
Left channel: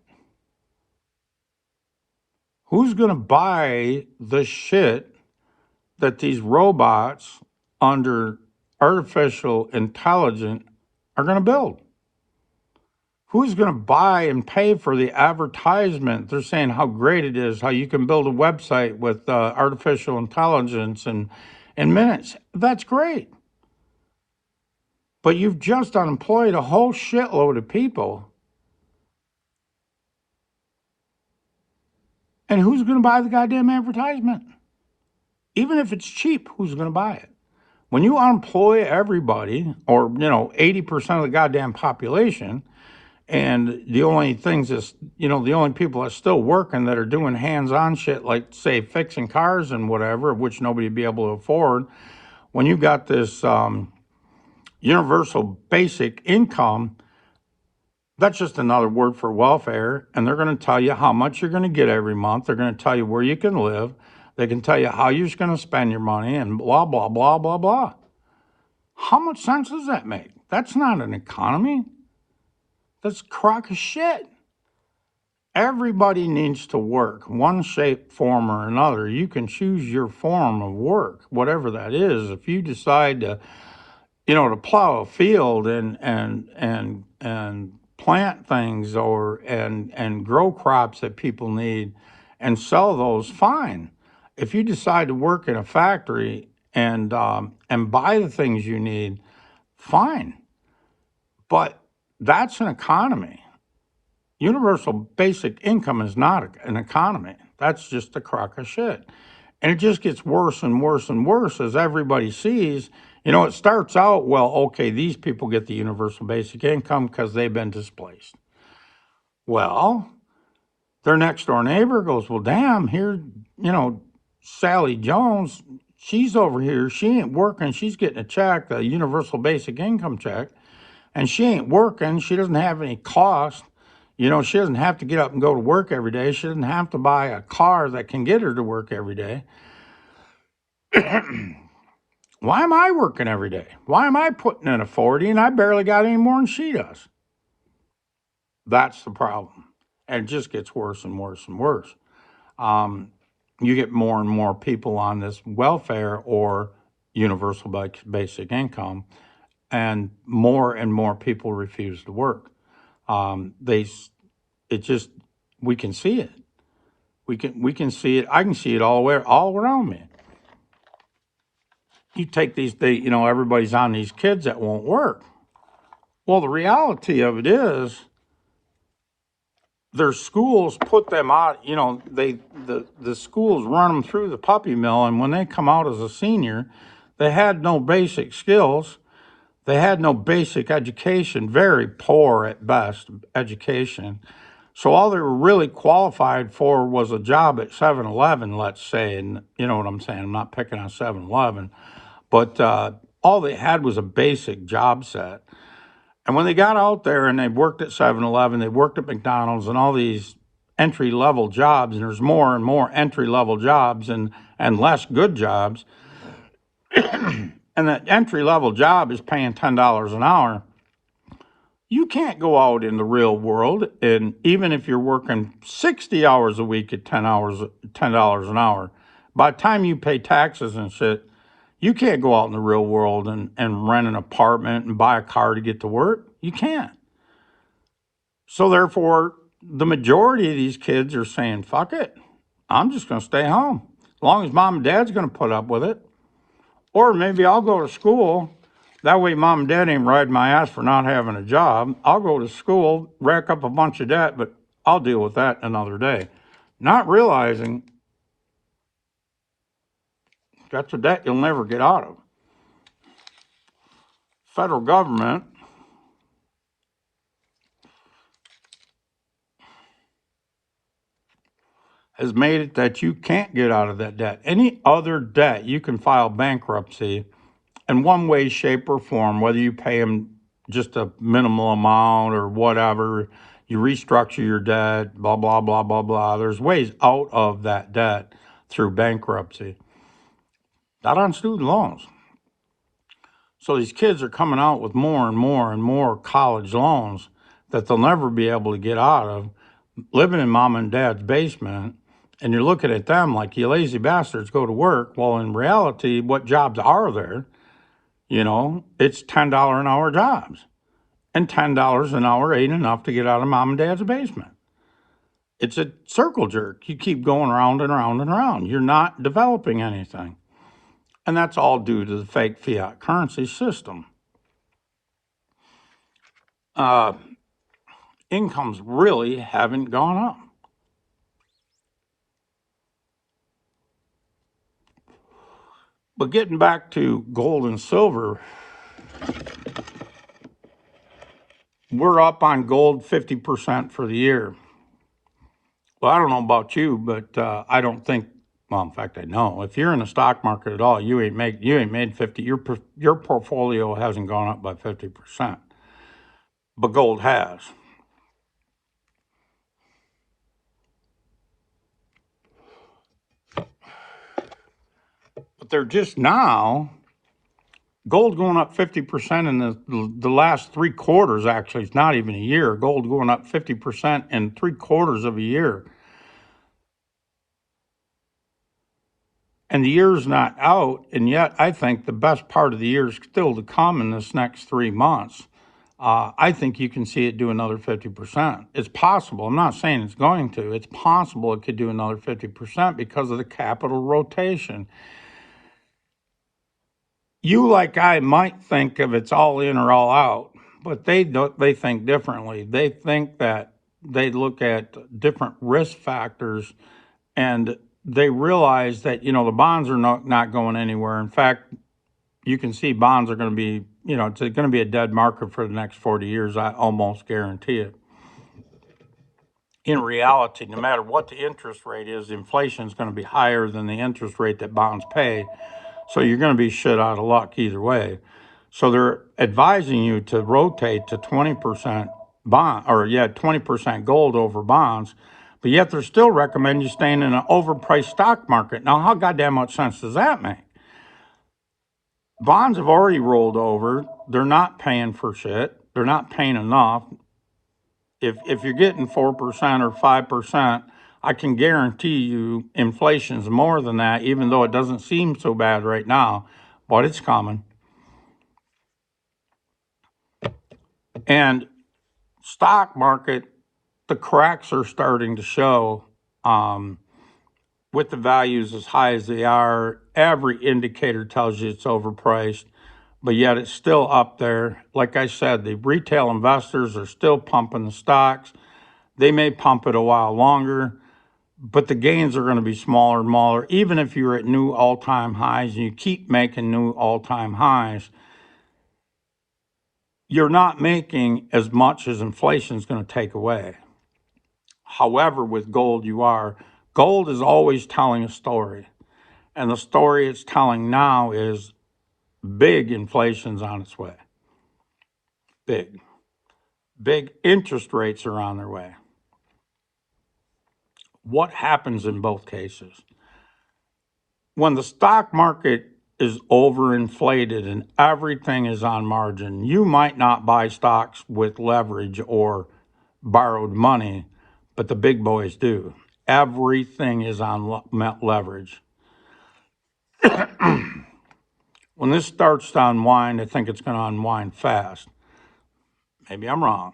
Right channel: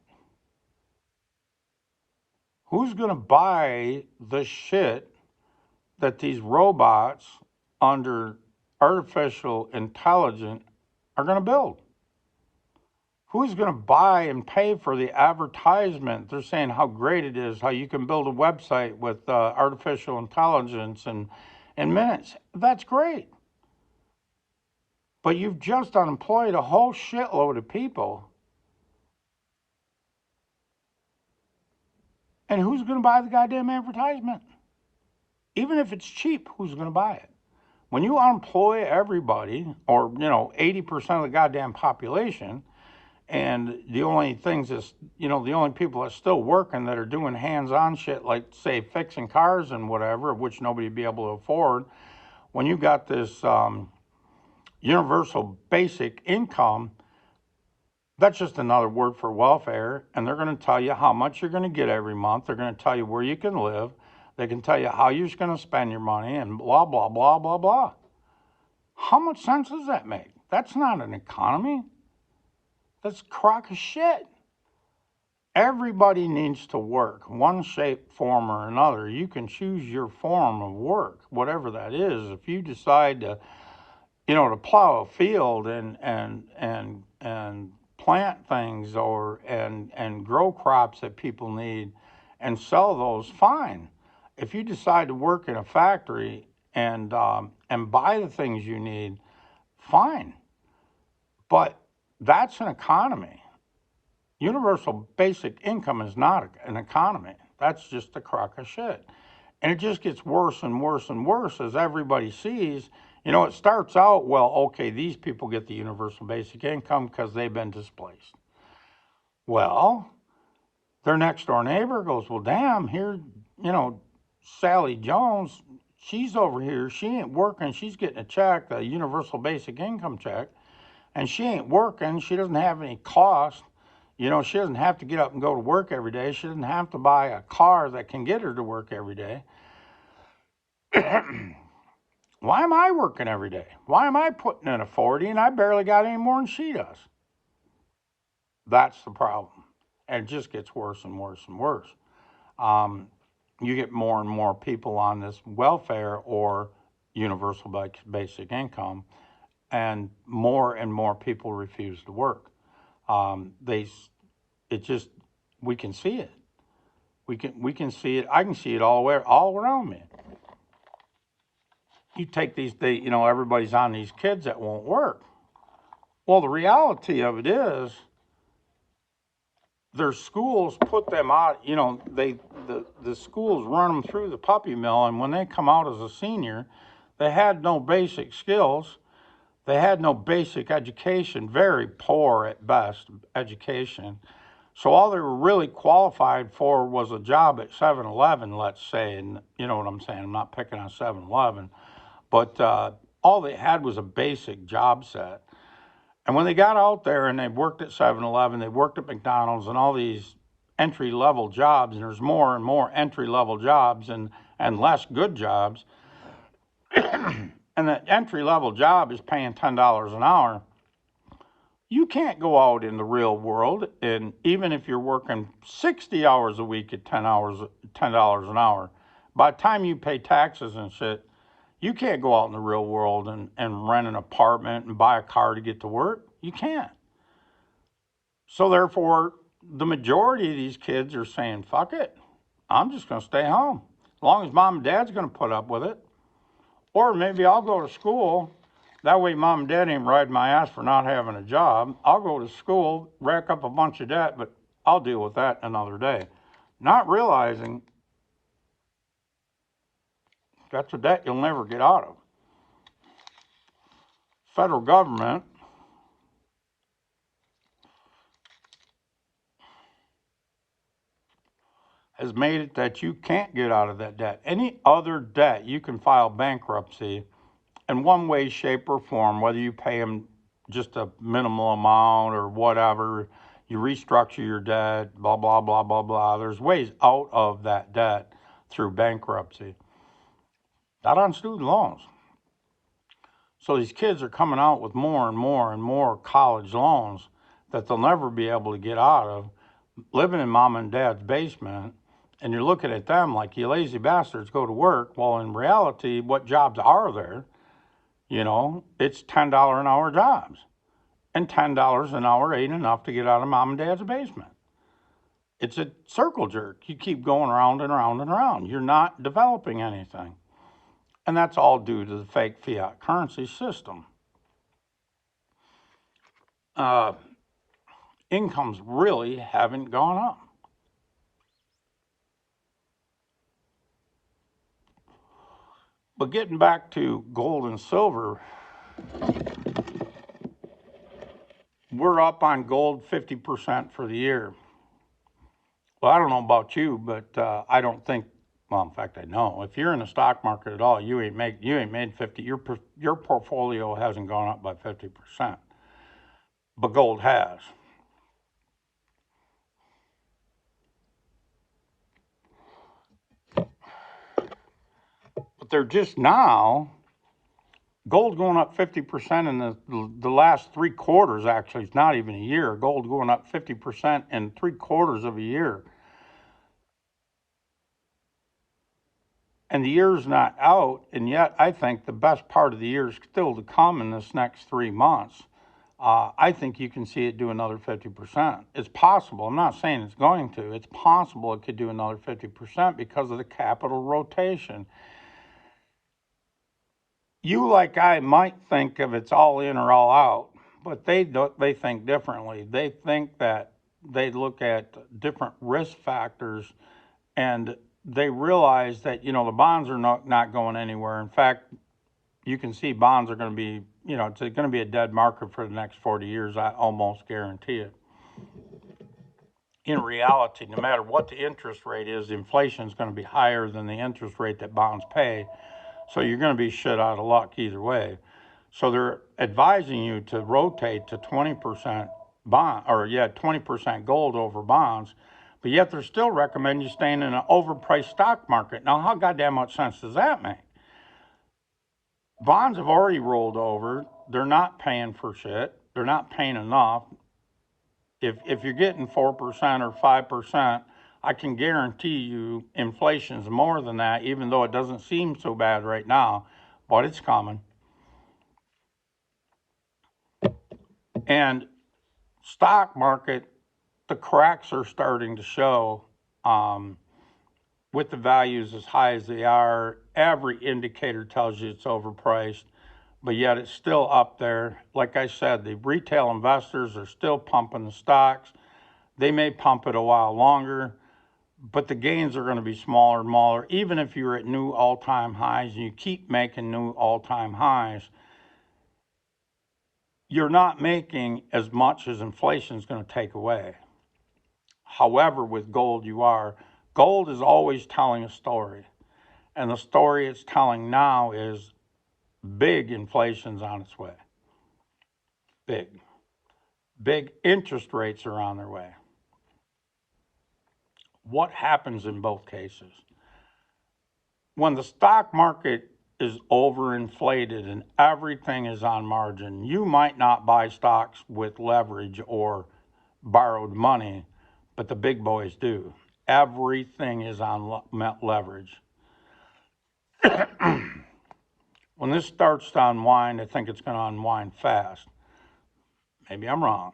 Who's going to buy the shit that these robots under artificial intelligence are going to build? Who's going to buy and pay for the advertisement? They're saying how great it is, how you can build a website with artificial intelligence in minutes. That's great. But you've just unemployed a whole shitload of people. And who's going to buy the goddamn advertisement? Even if it's cheap, who's going to buy it? When you unemploy everybody, or 80% of the goddamn population, and the only things is, the only people that are still working that are doing hands-on shit, like say fixing cars and whatever, which nobody would be able to afford. When you got this universal basic income, that's just another word for welfare, and they're going to tell you how much you're going to get every month. They're going to tell you where you can live. They can tell you how you're going to spend your money, and blah, blah, blah, blah, blah. How much sense does that make? That's not an economy. That's a crock of shit. Everybody needs to work, one shape, form, or another. You can choose your form of work, whatever that is. If you decide to, to plow a field and plant things and grow crops that people need and sell those, fine. If you decide to work in a factory and buy the things you need, fine. But that's an economy. Universal basic income is not an economy. That's just a crock of shit. And it just gets worse and worse and worse as everybody sees. It starts out, well, okay, these people get the universal basic income because they've been displaced. Well, their next door neighbor goes, well, damn, here, Sally Jones, she's over here. She ain't working. She's getting a check, the universal basic income check, and she ain't working. She doesn't have any cost. She doesn't have to get up and go to work every day. She doesn't have to buy a car that can get her to work every day. Why am I working every day? Why am I putting in a 40 and I barely got any more than she does? That's the problem. And it just gets worse and worse and worse. You get more and more people on this welfare or universal basic income, and more people refuse to work. We can see it. We can see it. I can see it all around me. You take these, everybody's on these kids that won't work. Well, the reality of it is, their schools put them out. The schools run them through the puppy mill, and when they come out as a senior, they had no basic skills. They had no basic education, very poor at best education. So all they were really qualified for was a job at 7-Eleven, let's say, and you know what I'm saying. I'm not picking on 7-Eleven, but all they had was a basic job set. And when they got out there and they worked at 7-Eleven, they worked at McDonald's and all these entry-level jobs, and there's more and more entry-level jobs and less good jobs, and that entry-level job is paying $10 an hour, you can't go out in the real world, and even if you're working 60 hours a week at $10 an hour, by the time you pay taxes and shit, you can't go out in the real world and rent an apartment and buy a car to get to work. You can't. So therefore, the majority of these kids are saying, fuck it. I'm just going to stay home as long as mom and dad's going to put up with it. Or maybe I'll go to school. That way mom and dad ain't riding my ass for not having a job. I'll go to school, rack up a bunch of debt, but I'll deal with that another day. Not realizing that's a debt you'll never get out of. Federal government has made it that you can't get out of that debt. Any other debt, you can file bankruptcy in one way, shape, or form, whether you pay them just a minimal amount or whatever, you restructure your debt, blah, blah, blah, blah, blah. There's ways out of that debt through bankruptcy, not on student loans. So these kids are coming out with more and more and more college loans that they'll never be able to get out of, living in mom and dad's basement. And you're looking at them like, you lazy bastards, go to work. Well, in reality, what jobs are there? You know, it's $10 an hour jobs. And $10 an hour ain't enough to get out of mom and dad's basement. It's a circle jerk. You keep going around and around and around. You're not developing anything. And that's all due to the fake fiat currency system. Incomes really haven't gone up. But getting back to gold and silver, we're up on gold 50% for the year. Well, I don't know about you, but I don't think. Well, in fact, I know if you're in the stock market at all, you ain't made 50. Your portfolio hasn't gone up by 50%, but gold has. But they're just now. Gold going up 50% in the last 3 quarters. Actually, it's not even a year. Gold going up 50% in 3 quarters of a year. And the year's not out, and yet I think the best part of the year is still to come in this next 3 months. I think you can see it do another 50%. It's possible. I'm not saying it's going to. It's possible it could do another 50% because of the capital rotation. You, like I, might think of it's all in or all out, but they don't. They think differently. They think that they look at different risk factors, and they realize that the bonds are not going anywhere. In fact, you can see bonds are going to be it's going to be a dead market for the next 40 years. I almost guarantee it. In reality, no matter what the interest rate is, inflation is going to be higher than the interest rate that bonds pay. So you're going to be shit out of luck either way. So they're advising you to rotate to 20% 20% gold over bonds, but yet they're still recommending you staying in an overpriced stock market. Now, how goddamn much sense does that make? Bonds have already rolled over. They're not paying for shit. They're not paying enough. If you're getting 4% or 5%, I can guarantee you inflation's more than that, even though it doesn't seem so bad right now, but it's coming. And stock market, the cracks are starting to show with the values as high as they are. Every indicator tells you it's overpriced, but yet it's still up there. Like I said, the retail investors are still pumping the stocks. They may pump it a while longer, but the gains are going to be smaller and smaller. Even if you're at new all-time highs and you keep making new all-time highs, you're not making as much as inflation is going to take away. However, with gold, you are. Gold is always telling a story. And the story it's telling now is big inflation's on its way. Big. Big interest rates are on their way. What happens in both cases? When the stock market is overinflated and everything is on margin, you might not buy stocks with leverage or borrowed money, but the big boys do. Everything is on leverage. When this starts to unwind, I think it's going to unwind fast. Maybe I'm wrong.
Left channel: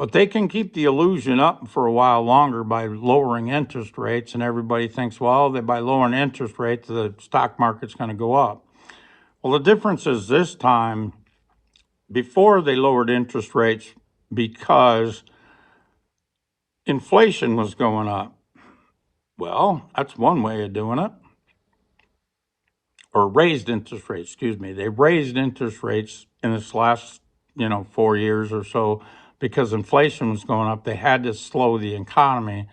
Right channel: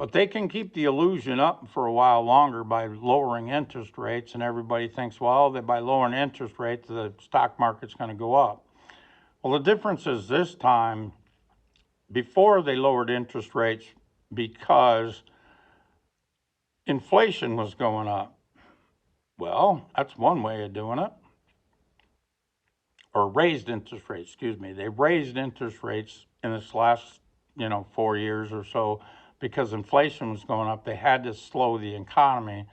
But they can keep the illusion up for a while longer by lowering interest rates, and everybody thinks, well, that by lowering interest rates, the stock market's going to go up. Well, the difference is this time, before they lowered interest rates because inflation was going up. Well, that's one way of doing it. Or raised interest rates, excuse me. They raised interest rates in this last, 4 years or so because inflation was going up. They had to slow the economy.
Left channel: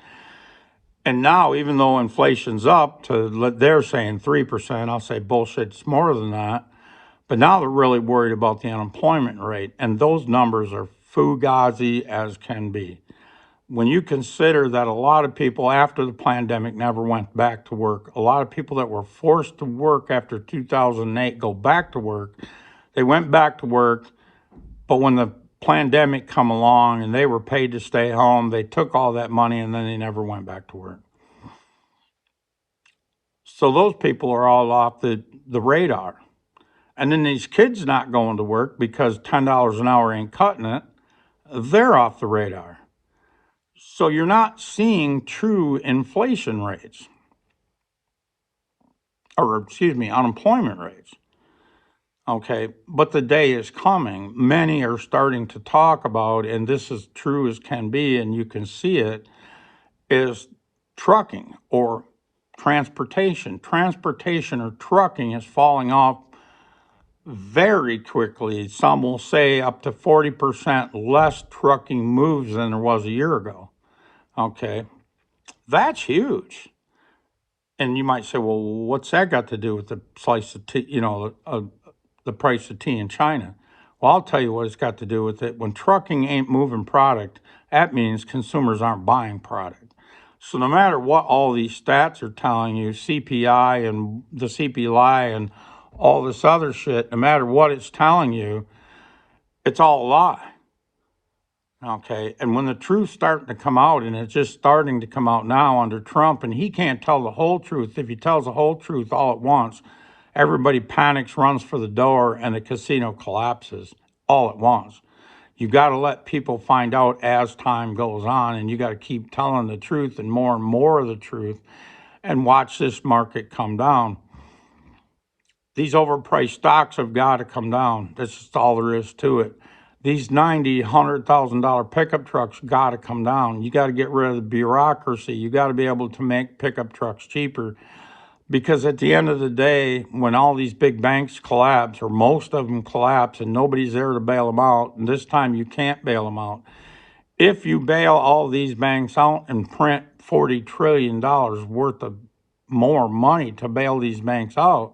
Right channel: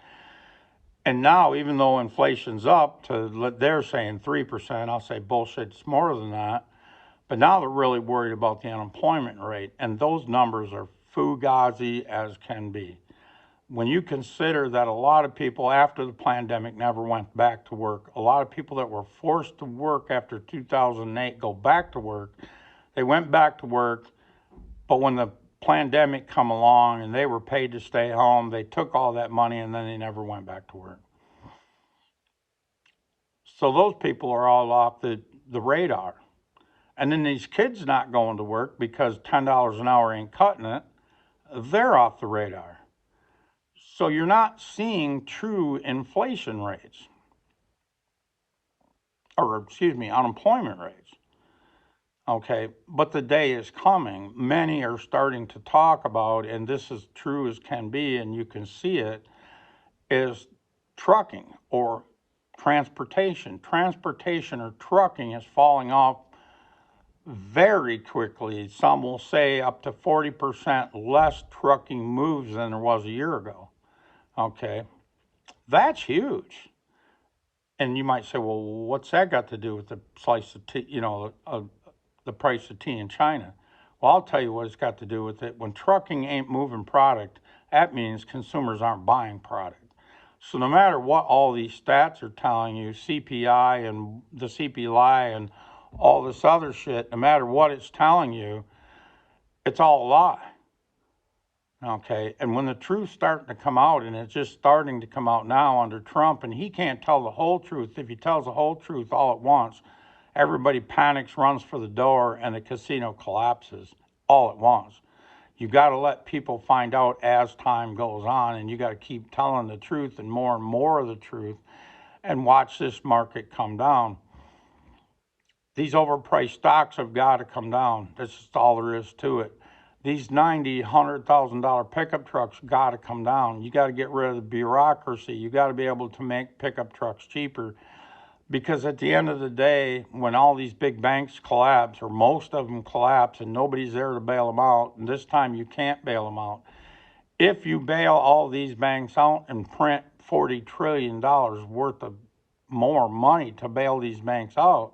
And now, even though inflation's up to, they're saying 3%, I'll say bullshit, it's more than that. But now they're really worried about the unemployment rate. And those numbers are fugazi as can be. When you consider that a lot of people after the pandemic never went back to work, a lot of people that were forced to work after 2008 go back to work, they went back to work, but when the pandemic come along and they were paid to stay home, they took all that money and then they never went back to work. So those people are all off the radar. And then these kids not going to work because $10 an hour ain't cutting it, they're off the radar. So you're not seeing true inflation rates, or excuse me, unemployment rates. Okay, but the day is coming. Many are starting to talk about, and this is true as can be, and you can see it, is trucking or transportation. Transportation or trucking is falling off very quickly. Some will say up to 40% less trucking moves than there was a year ago. Okay, that's huge. And you might say, well, what's that got to do with the slice of tea, the price of tea in China? Well, I'll tell you what it's got to do with it. When trucking ain't moving product, that means consumers aren't buying product. So no matter what all these stats are telling you, CPI and the CPI and all this other shit, no matter what it's telling you, it's all a lie. Okay, and when the truth's starting to come out, and it's just starting to come out now under Trump, and he can't tell the whole truth. If he tells the whole truth all at once, everybody panics, runs for the door, and the casino collapses all at once. You got to let people find out as time goes on, and you got to keep telling the truth and more of the truth, and watch this market come down. These overpriced stocks have got to come down. That's just all there is to it. These $90,000, $100,000 pickup trucks got to come down. You got to get rid of the bureaucracy. You got to be able to make pickup trucks cheaper, because at the end of the day, when all these big banks collapse, or most of them collapse, and nobody's there to bail them out, and this time you can't bail them out. If you bail all these banks out and print $40 trillion worth of more money to bail these banks out,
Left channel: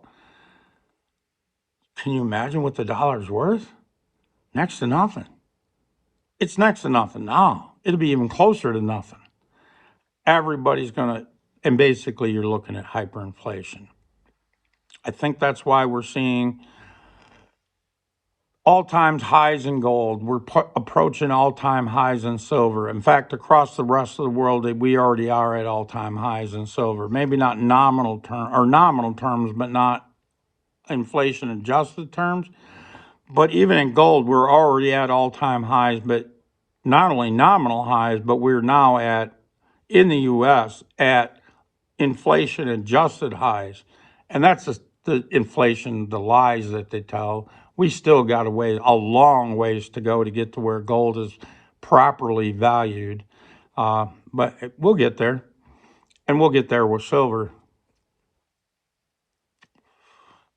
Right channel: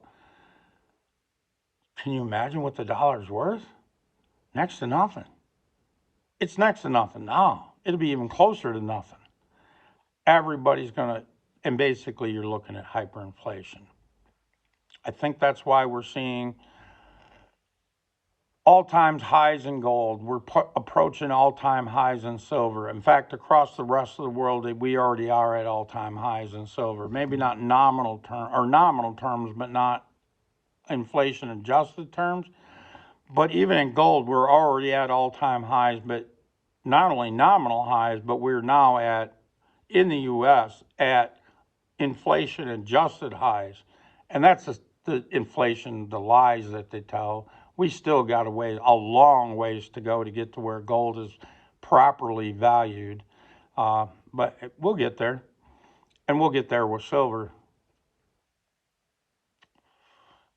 can you imagine what the dollar's worth? Next to nothing. It's next to nothing now. It'll be even closer to nothing. Everybody's going to, and basically you're looking at hyperinflation. I think that's why we're seeing all-time highs in gold. We're approaching all-time highs in silver. In fact, across the rest of the world, we already are at all-time highs in silver. Maybe not nominal terms, but not inflation-adjusted terms. But even in gold, we're already at all-time highs, but not only nominal highs, but we're now at, in the U.S., at inflation-adjusted highs. And that's the inflation, the lies that they tell. We still got a long ways to go to get to where gold is properly valued. But we'll get there. And we'll get there with silver.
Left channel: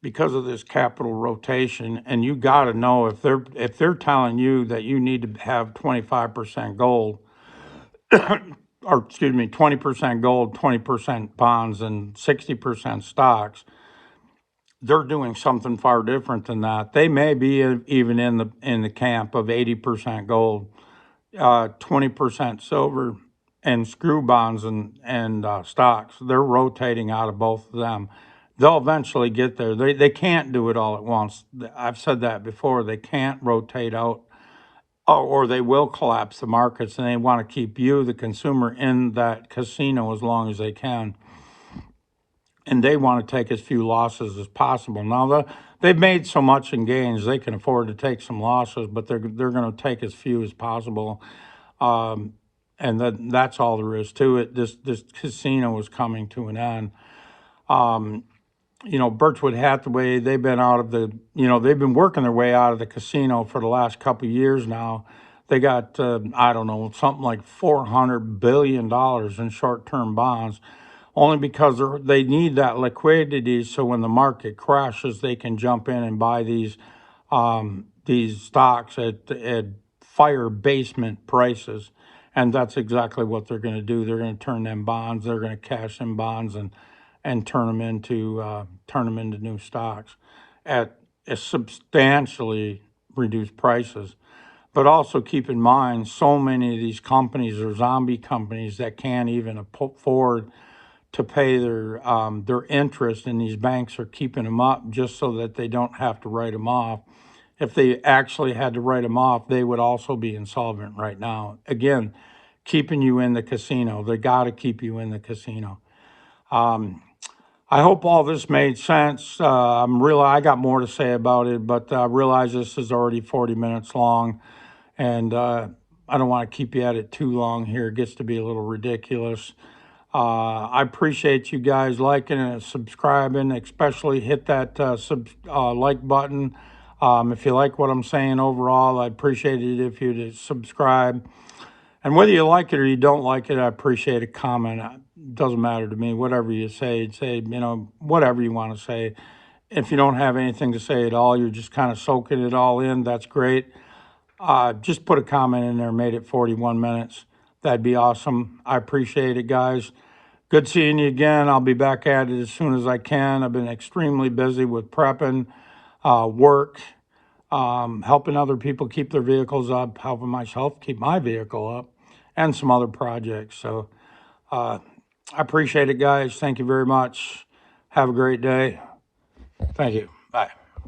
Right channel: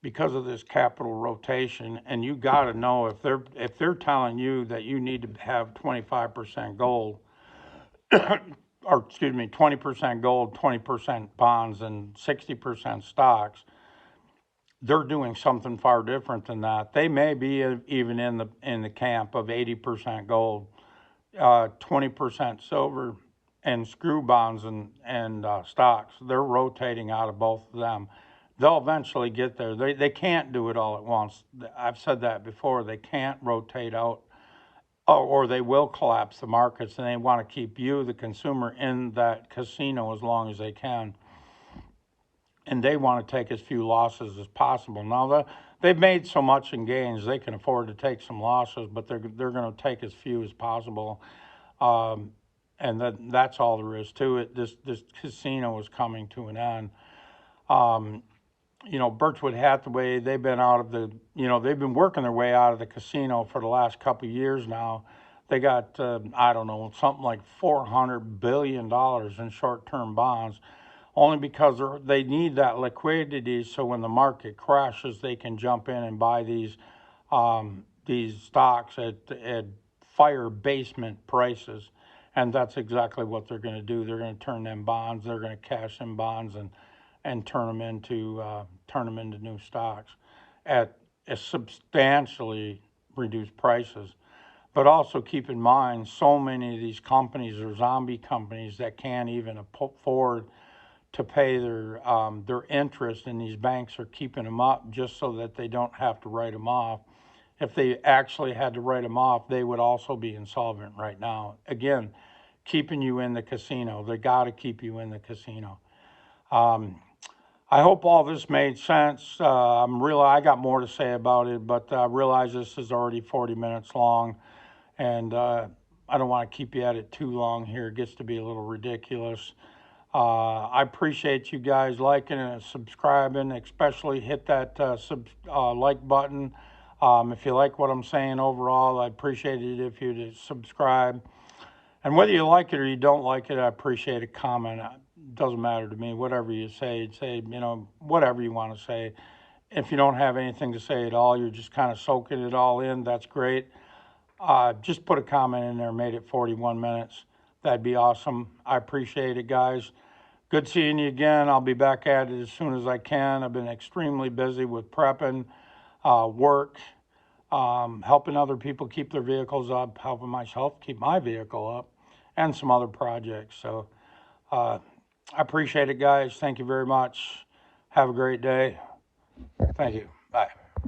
Because of this capital rotation, and you got to know if they're telling you that you need to have 25% gold, or excuse me, 20% gold, 20% bonds, and 60% stocks, they're doing something far different than that. They may be even in the camp of 80% gold, 20% silver, and screw bonds and stocks. They're rotating out of both of them. They'll eventually get there. They can't do it all at once. I've said that before. They can't rotate out, or they will collapse the markets, and they want to keep you, the consumer, in that casino as long as they can. And they want to take as few losses as possible. Now, they've made so much in gains, they can afford to take some losses, but they're going to take as few as possible. And that's all there is to it. This casino is coming to an end. Birchwood Hathaway, they've been out of the, they've been working their way out of the casino for the last couple of years now. They got, I don't know, something like $400 billion in short-term bonds, only because they need that liquidity so when the market crashes, they can jump in and buy these stocks at fire basement prices. And that's exactly what they're going to do. They're going to turn them bonds. They're going to cash them bonds and turn them into new stocks at substantially reduced prices. But also keep in mind, so many of these companies are zombie companies that can't even afford to pay their interest, and these banks are keeping them up just so that they don't have to write them off. If they actually had to write them off, they would also be insolvent right now. Again, keeping you in the casino. They got to keep you in the casino. I hope all this made sense. I got more to say about it, but I realize this is already 40 minutes long, and I don't want to keep you at it too long here. It gets to be a little ridiculous. I appreciate you guys liking and subscribing, especially hit that like button. If you like what I'm saying overall, I'd appreciate it if you'd subscribe. And whether you like it or you don't like it, I appreciate a comment. It doesn't matter to me. Whatever you say, whatever you want to say. If you don't have anything to say at all, you're just kind of soaking it all in, that's great. Just put a comment in there, made it 41 minutes. That'd be awesome. I appreciate it, guys. Good seeing you again. I'll be back at it as soon as I can. I've been extremely busy with prepping, work, helping other people keep their vehicles up, helping myself keep my vehicle up, and some other projects. So I appreciate it, guys. Thank you very much. Have a great day. Thank you. Bye.